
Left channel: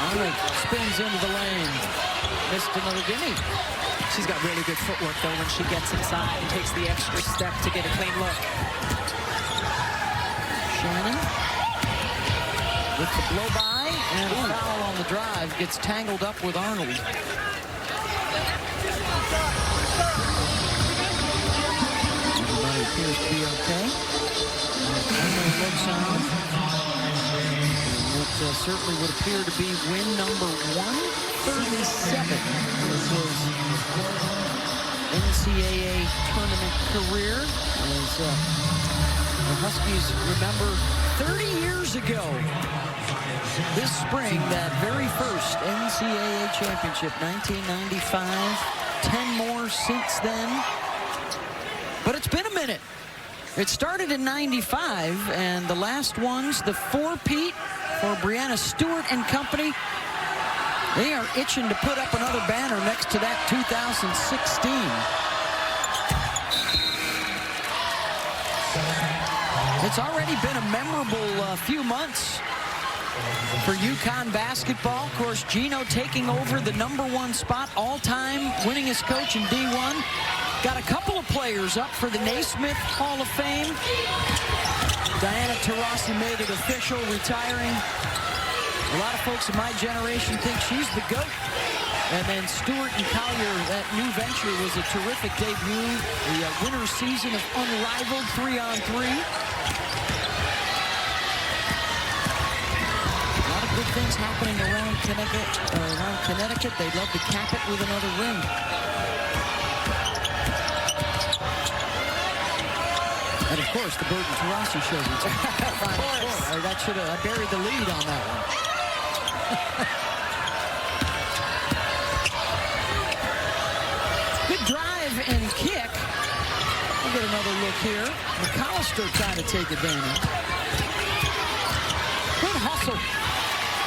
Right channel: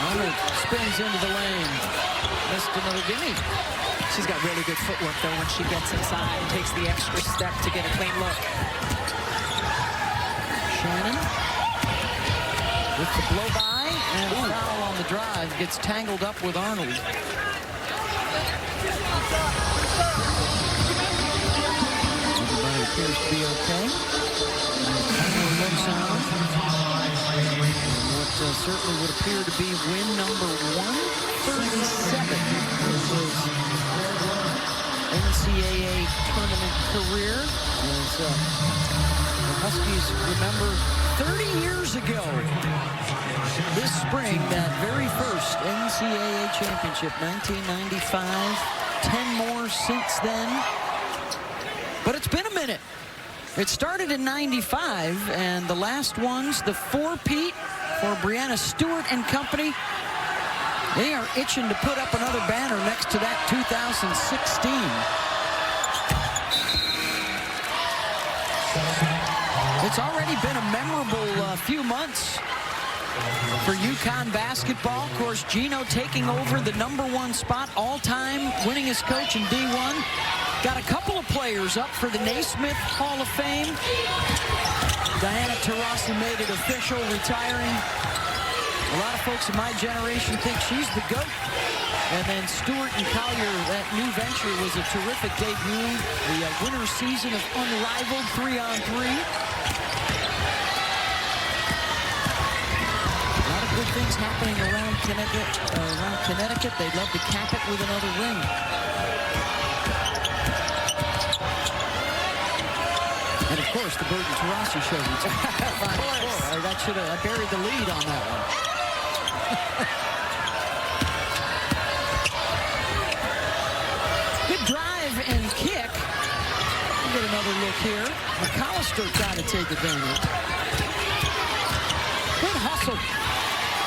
Arnold spins into the lane. Missed another gimme. She's got really good footwork, though, when she gets inside and takes the extra step to get a clean look. Shannon with the blow-by, and a foul on the drive. Gets tangled up with Arnold. Everybody appears to be okay. Arnold looks on. What certainly would appear to be win number 137 in his NCAA tournament career. As the Huskies remember 30 years ago, this spring, that very first NCAA championship, 1995. 10 more since then. But it's been a minute. It started in 95, and the last ones, the four-peat, for Brianna Stewart and company, they are itching to put up another banner next to that 2016. It's already been a memorable few months for UConn basketball. Of course, Gino taking over the #1 spot, all-time winningest coach in D1. Got a couple of players up for the Naismith Hall of Fame. Diana Taurasi made it official, retiring. A lot of folks in my generation think she's the GOAT. And then Stewart and Collier, that new venture was a terrific debut. The winter season of unrivaled 3-on-3. A lot of good things happening around Connecticut. They'd love to cap it with another ring. And of course, the Burton Taurasi show retired. Final four. That should have. I buried the lead on that one. Good drive and kick. We'll get another look here. McAllister trying to take advantage. Good hustle.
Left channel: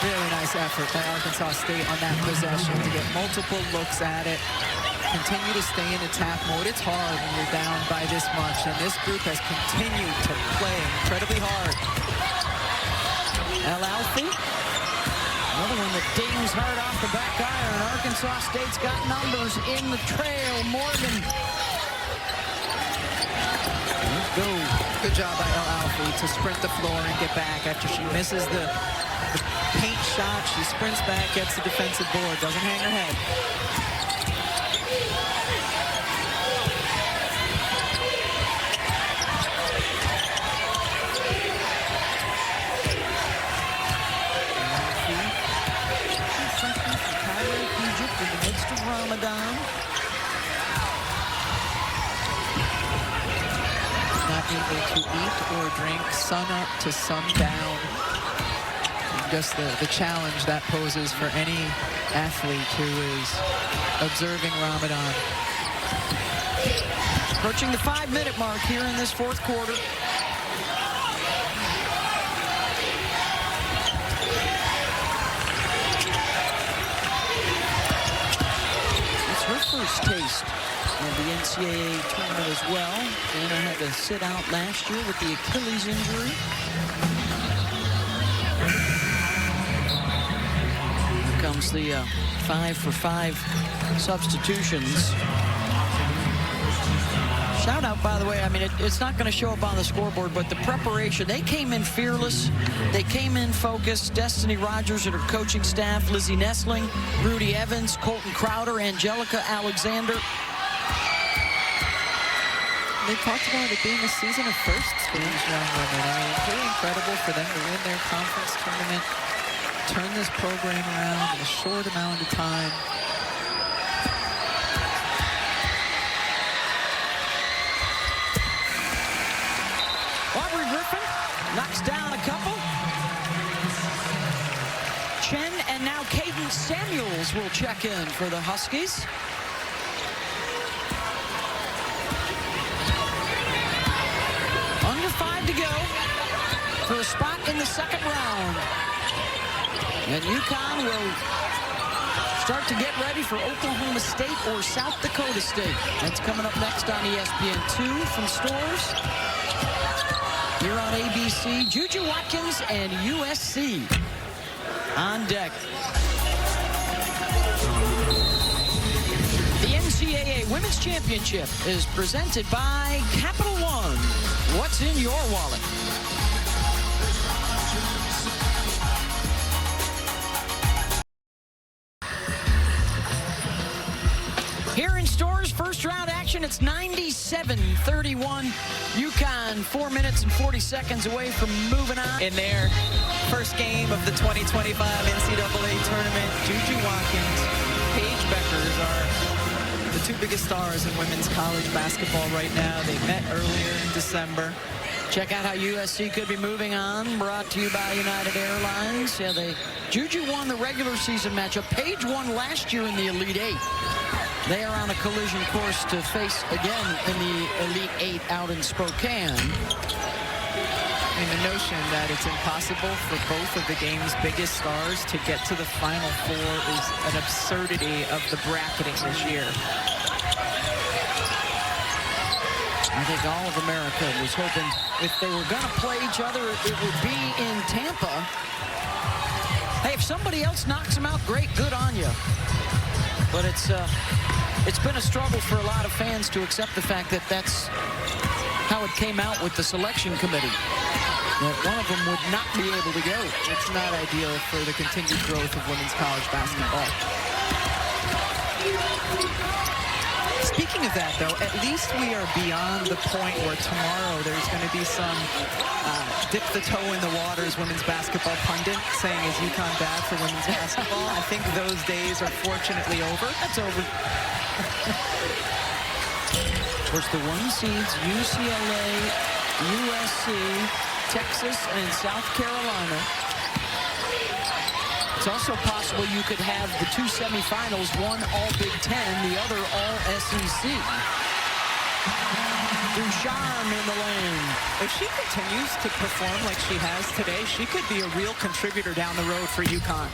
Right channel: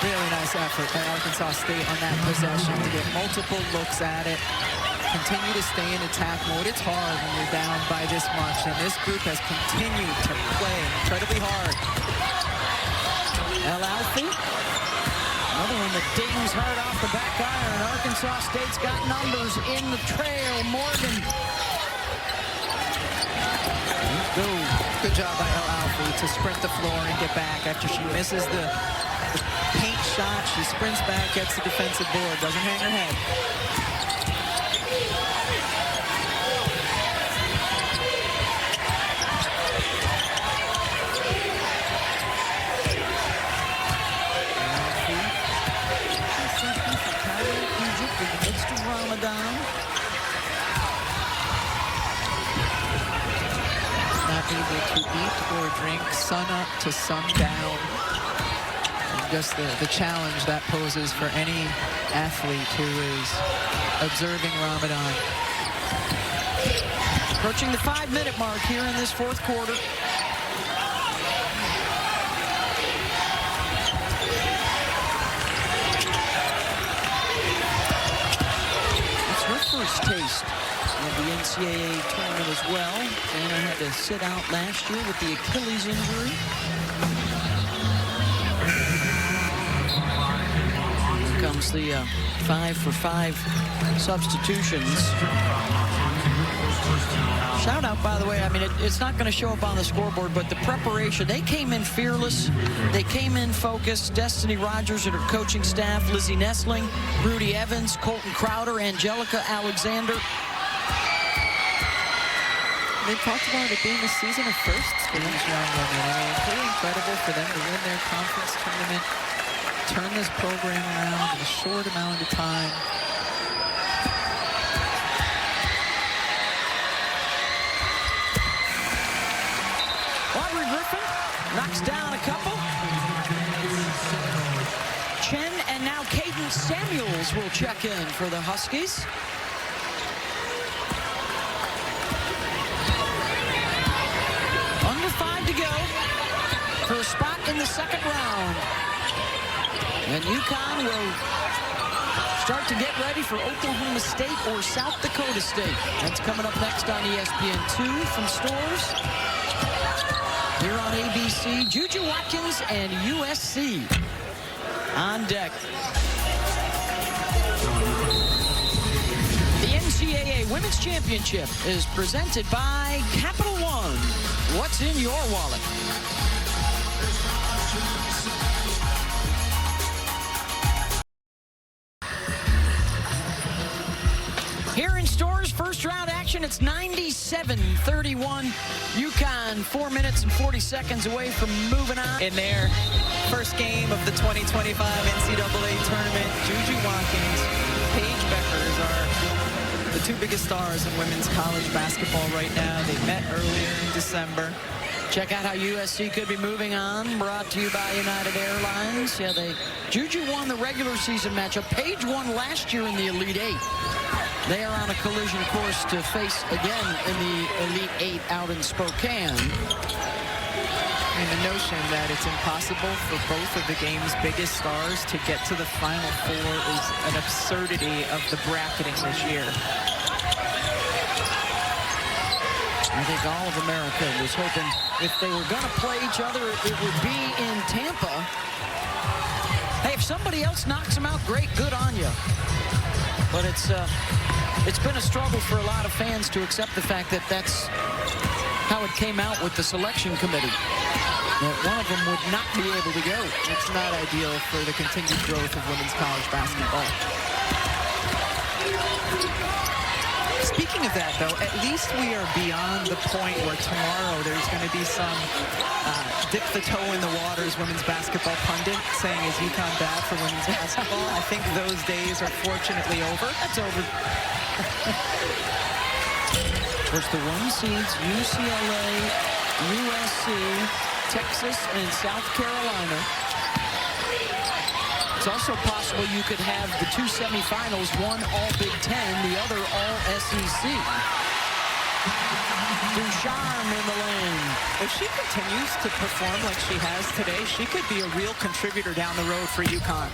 Really nice effort by Arkansas State on that possession to get multiple looks at it. Continue to stay in attack mode. It's hard when you're down by this much, and this group has continued to play incredibly hard. El Alfie, another one that dings hard off the back iron. Arkansas State's got numbers in the trail. Morgan. Let's go. Good job by El Alfie to sprint the floor and get back after she misses the paint shot. She sprints back, gets the defensive board, doesn't hang her head. Freshman from Cairo, Egypt, in the midst of Ramadan. Not able to eat or drink sun up to sundown. And just the challenge that poses for any athlete who is observing Ramadan. Approaching the 5-minute mark here in this fourth quarter. That's her first taste of the NCAA tournament as well. Anna had to sit out last year with the Achilles injury. Here comes the 5-for-5 substitutions. Shout out, by the way, I mean, it's not going to show up on the scoreboard, but the preparation, they came in fearless. They came in focused. Destiny Rogers and her coaching staff, Lizzie Nestling, Rudy Evans, Colton Crowder, Angelica Alexander. They talked about it being a season of firsts for these young women. I mean, pretty incredible for them to win their conference tournament, turn this program around in a short amount of time. Aubrey Griffin knocks down a couple. Chen and now Caden Samuels will check in for the Huskies. Under 5 to go for a spot in the second round. And UConn will start to get ready for Oklahoma State or South Dakota State. That's coming up next on ESPN2 from Stores. Here on ABC, Juju Watkins and USC on deck. The NCAA Women's Championship is presented by Capital One. What's in your wallet? Here in Stores, first round action, it's 97-31. UConn 4 minutes and 40 seconds away from moving on. In their first game of the 2025 NCAA tournament, Juju Watkins, Paige Beckers are the two biggest stars in women's college basketball right now. They met earlier in December. Check out how USC could be moving on. Brought to you by United Airlines. Yeah, Juju won the regular season matchup. Paige won last year in the Elite Eight. They are on a collision course to face again in the Elite Eight out in Spokane. I mean, the notion that it's impossible for both of the game's biggest stars to get to the Final Four is an absurdity of the bracketing this year. I think all of America was hoping if they were going to play each other, it would be in Tampa. Hey, if somebody else knocks them out, great, good on you. But it's been a struggle for a lot of fans to accept the fact that that's how it came out with the selection committee. That one of them would not be able to go. It's not ideal for the continued growth of women's college basketball. Speaking of that, though, at least we are beyond the point where tomorrow there's going to be some dip the toe in the waters women's basketball pundit saying, is UConn bad for women's basketball? I think those days are fortunately over. That's over. Of course, the 1 seeds, UCLA, USC, Texas, and South Carolina. It's also possible you could have the 2 semifinals, one all Big Ten, the other all SEC. Ducharme in the lane. If she continues to perform like she has today, she could be a real contributor down the road for UConn.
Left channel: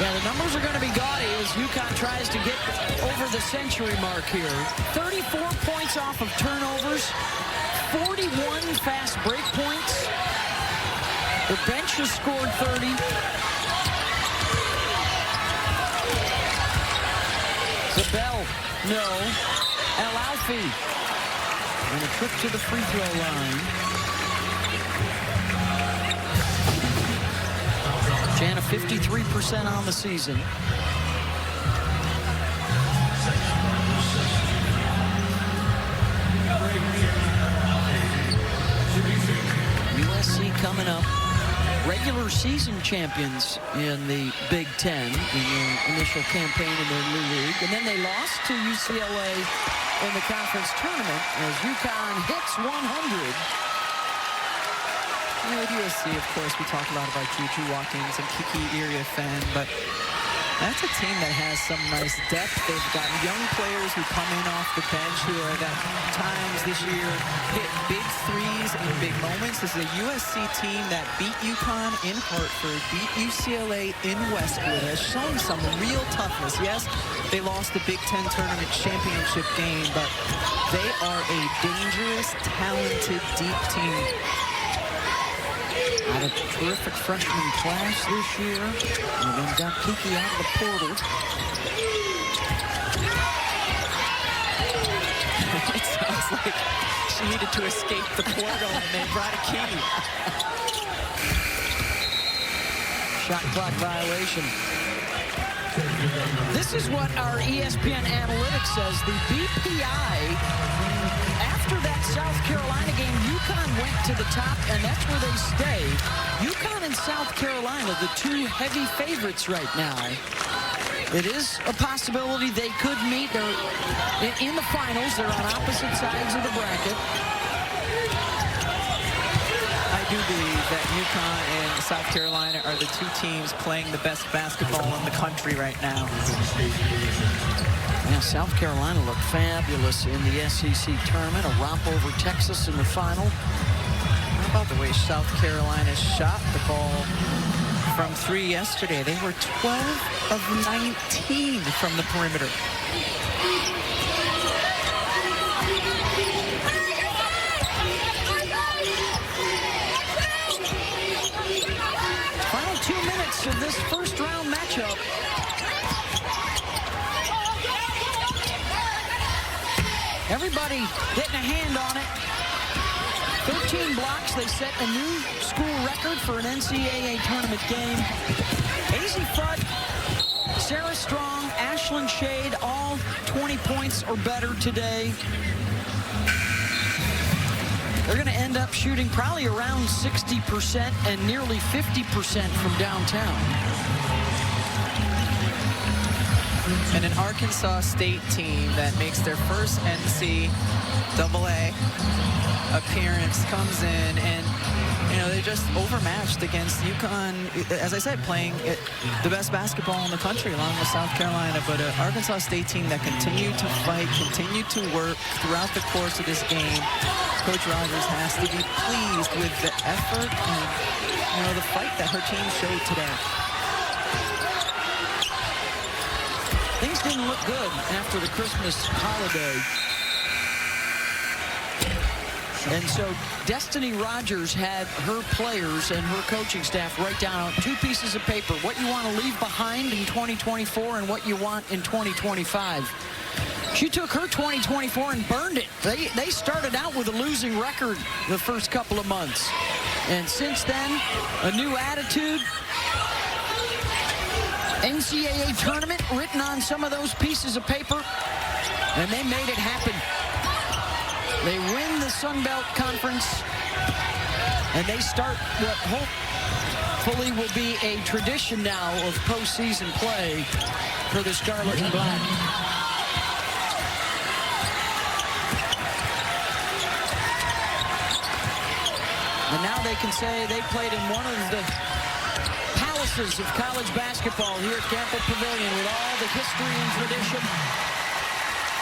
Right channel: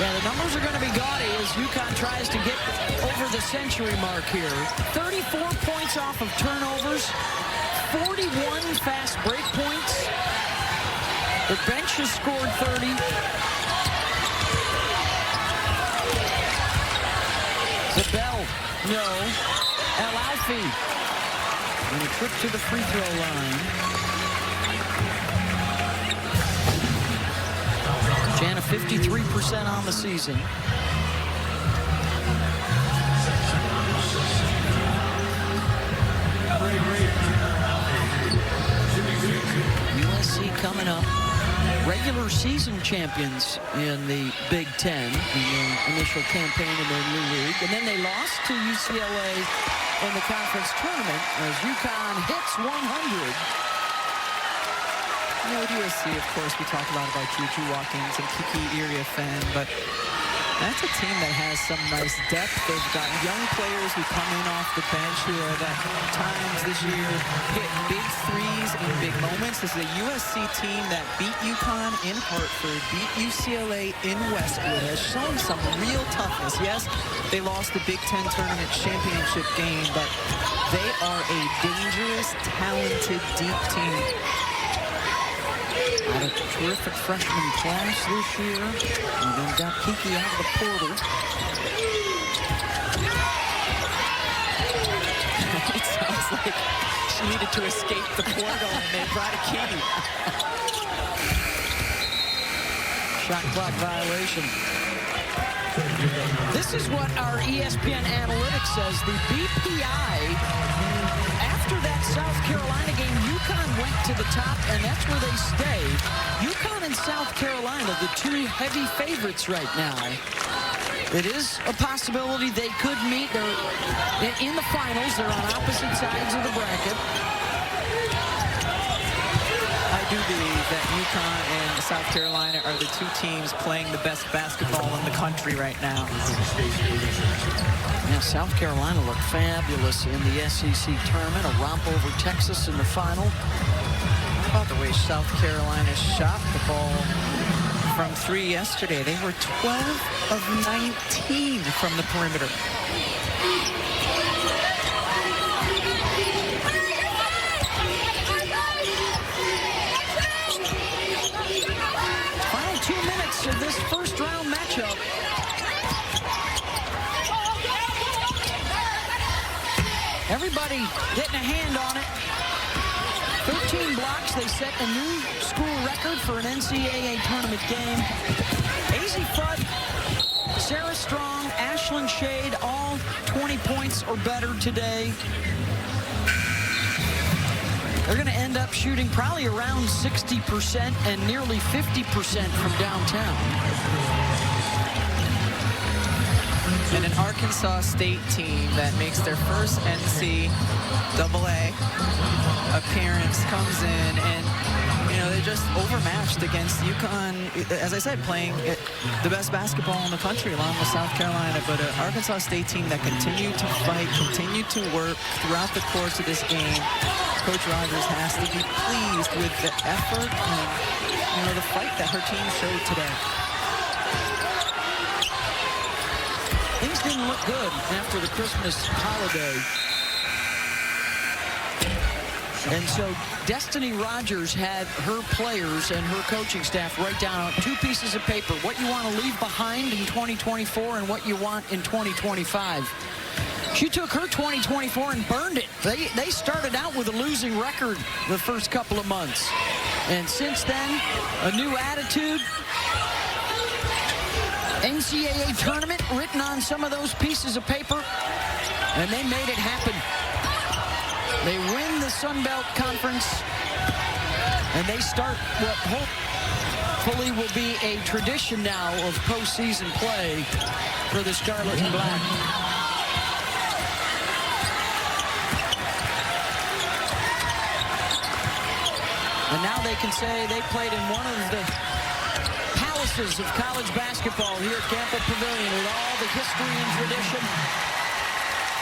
Yeah, the numbers are going to be gaudy as UConn tries to get over the century mark here. 34 points off of turnovers, 41 fast break points. Their bench has scored 30. Zabel, no. El Alfi, and a trip to the free throw line. Jana 53% on the season. USC coming up. Regular season champions in the Big Ten in their initial campaign in their new league. And then they lost to UCLA in the conference tournament as UConn hits 100. You know, with USC, of course, we talk a lot about Juju Watkins and Kiki Iriafen, but That's a team that has some nice depth. They've got young players who come in off the bench who have at times this year hit big threes in big moments. This is a USC team that beat UConn in Hartford, beat UCLA in Westwood, has shown some real toughness. Yes, they lost the Big Ten Tournament championship game, but they are a dangerous, talented, deep team. Had a terrific freshman class this year, and then got Kiki out of the portal. It sounds like she needed to escape the portal, and they brought a key. Shot clock violation. This is what our ESPN analytics says. The BPI, after that South Carolina game, UConn went to the top, and that's where they stay. UConn and South Carolina, the two heavy favorites right now. It is a possibility they could meet. They're in the finals. They're on opposite sides of the bracket. I do believe that UConn and South Carolina are the two teams playing the best basketball in the country right now. Yeah, South Carolina looked fabulous in the SEC tournament, a romp over Texas in the final. How about the way South Carolina shot the ball from three yesterday? They were 12 of 19 from the perimeter. Final 2 minutes of this first round matchup. Everybody getting a hand on it. 13 blocks. They set a new school record for an NCAA tournament game. Azzi Fudd, Sarah Strong, Ashlyn Shade, all 20 points or better today. They're going to end up shooting probably around 60% and nearly 50% from downtown. And an Arkansas State team that makes their first NCAA appearance comes in, and you know, they're just overmatched against UConn, as I said, playing the best basketball in the country along with South Carolina. But an Arkansas State team that continued to fight, continued to work throughout the course of this game. Coach Rogers has to be pleased with the effort and, you know, the fight that her team showed today. Things didn't look good after the Christmas holiday. And so Destiny Rogers had her players and her coaching staff write down on 2 pieces of paper what you want to leave behind in 2024 and what you want in 2025. She took her 2024 and burned it. They started out with a losing record the first couple of months. And since then, a new attitude. NCAA tournament written on some of those pieces of paper, and they made it happen. They win the Sun Belt Conference, and they start what hopefully will be a tradition now of postseason play for the Scarlet and Black. And now they can say they played in one of the palaces of college basketball here at Campbell Pavilion with all the history and tradition.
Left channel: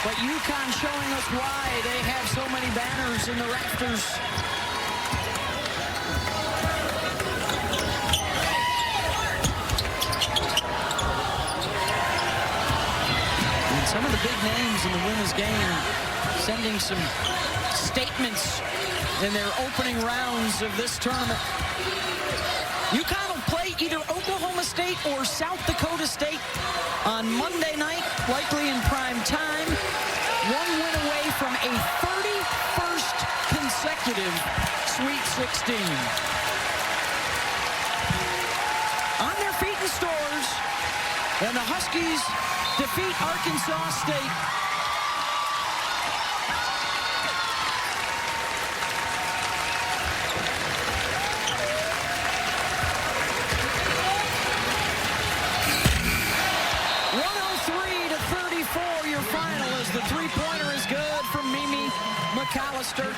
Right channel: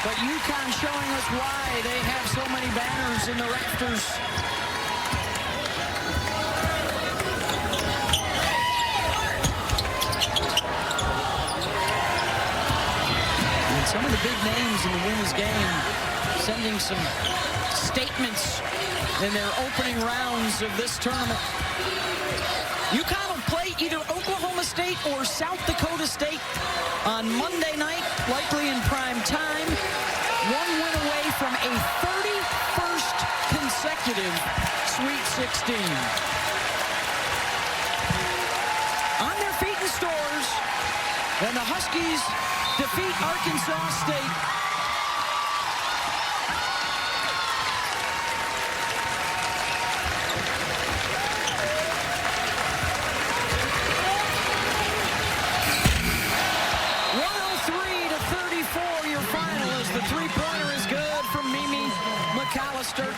But UConn showing us why they have so many banners in the rafters. And some of the big names in the women's game sending some statements in their opening rounds of this tournament. UConn will play either Oklahoma State or South Dakota State on Monday night, likely in prime time. 1 win away from a 31st consecutive Sweet 16. On their feet in stores, and the Huskies defeat Arkansas State. Your final as the three-pointer is good from Mimi McAllister.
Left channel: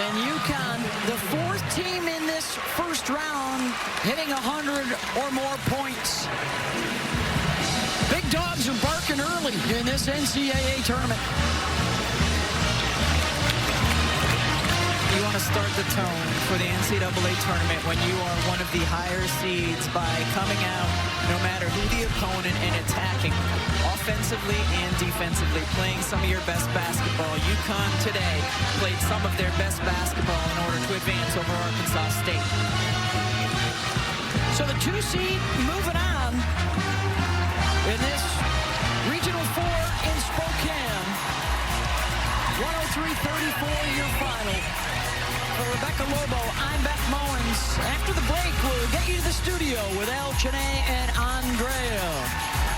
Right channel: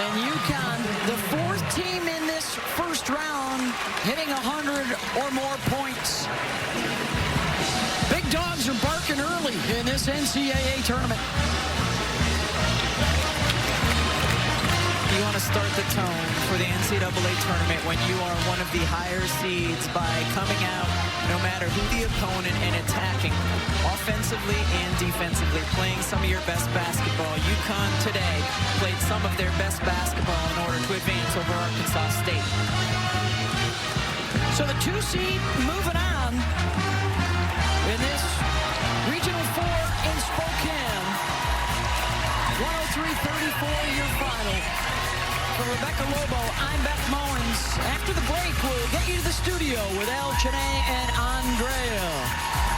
And UConn, the fourth team in this first round, hitting 100 or more points. Big dogs are barking early in this NCAA tournament. You want to start the tone for the NCAA tournament when you are one of the higher seeds by coming out, no matter who the opponent, and attacking offensively and defensively, playing some of your best basketball. UConn today played some of their best basketball in order to advance over Arkansas State. So the 2 seed moving on in this Regional 4 in Spokane. 103-34 your final. For Rebecca Lobo, I'm Beth Mowins. After the break, we'll get you to the studio with El Chene and Andrea.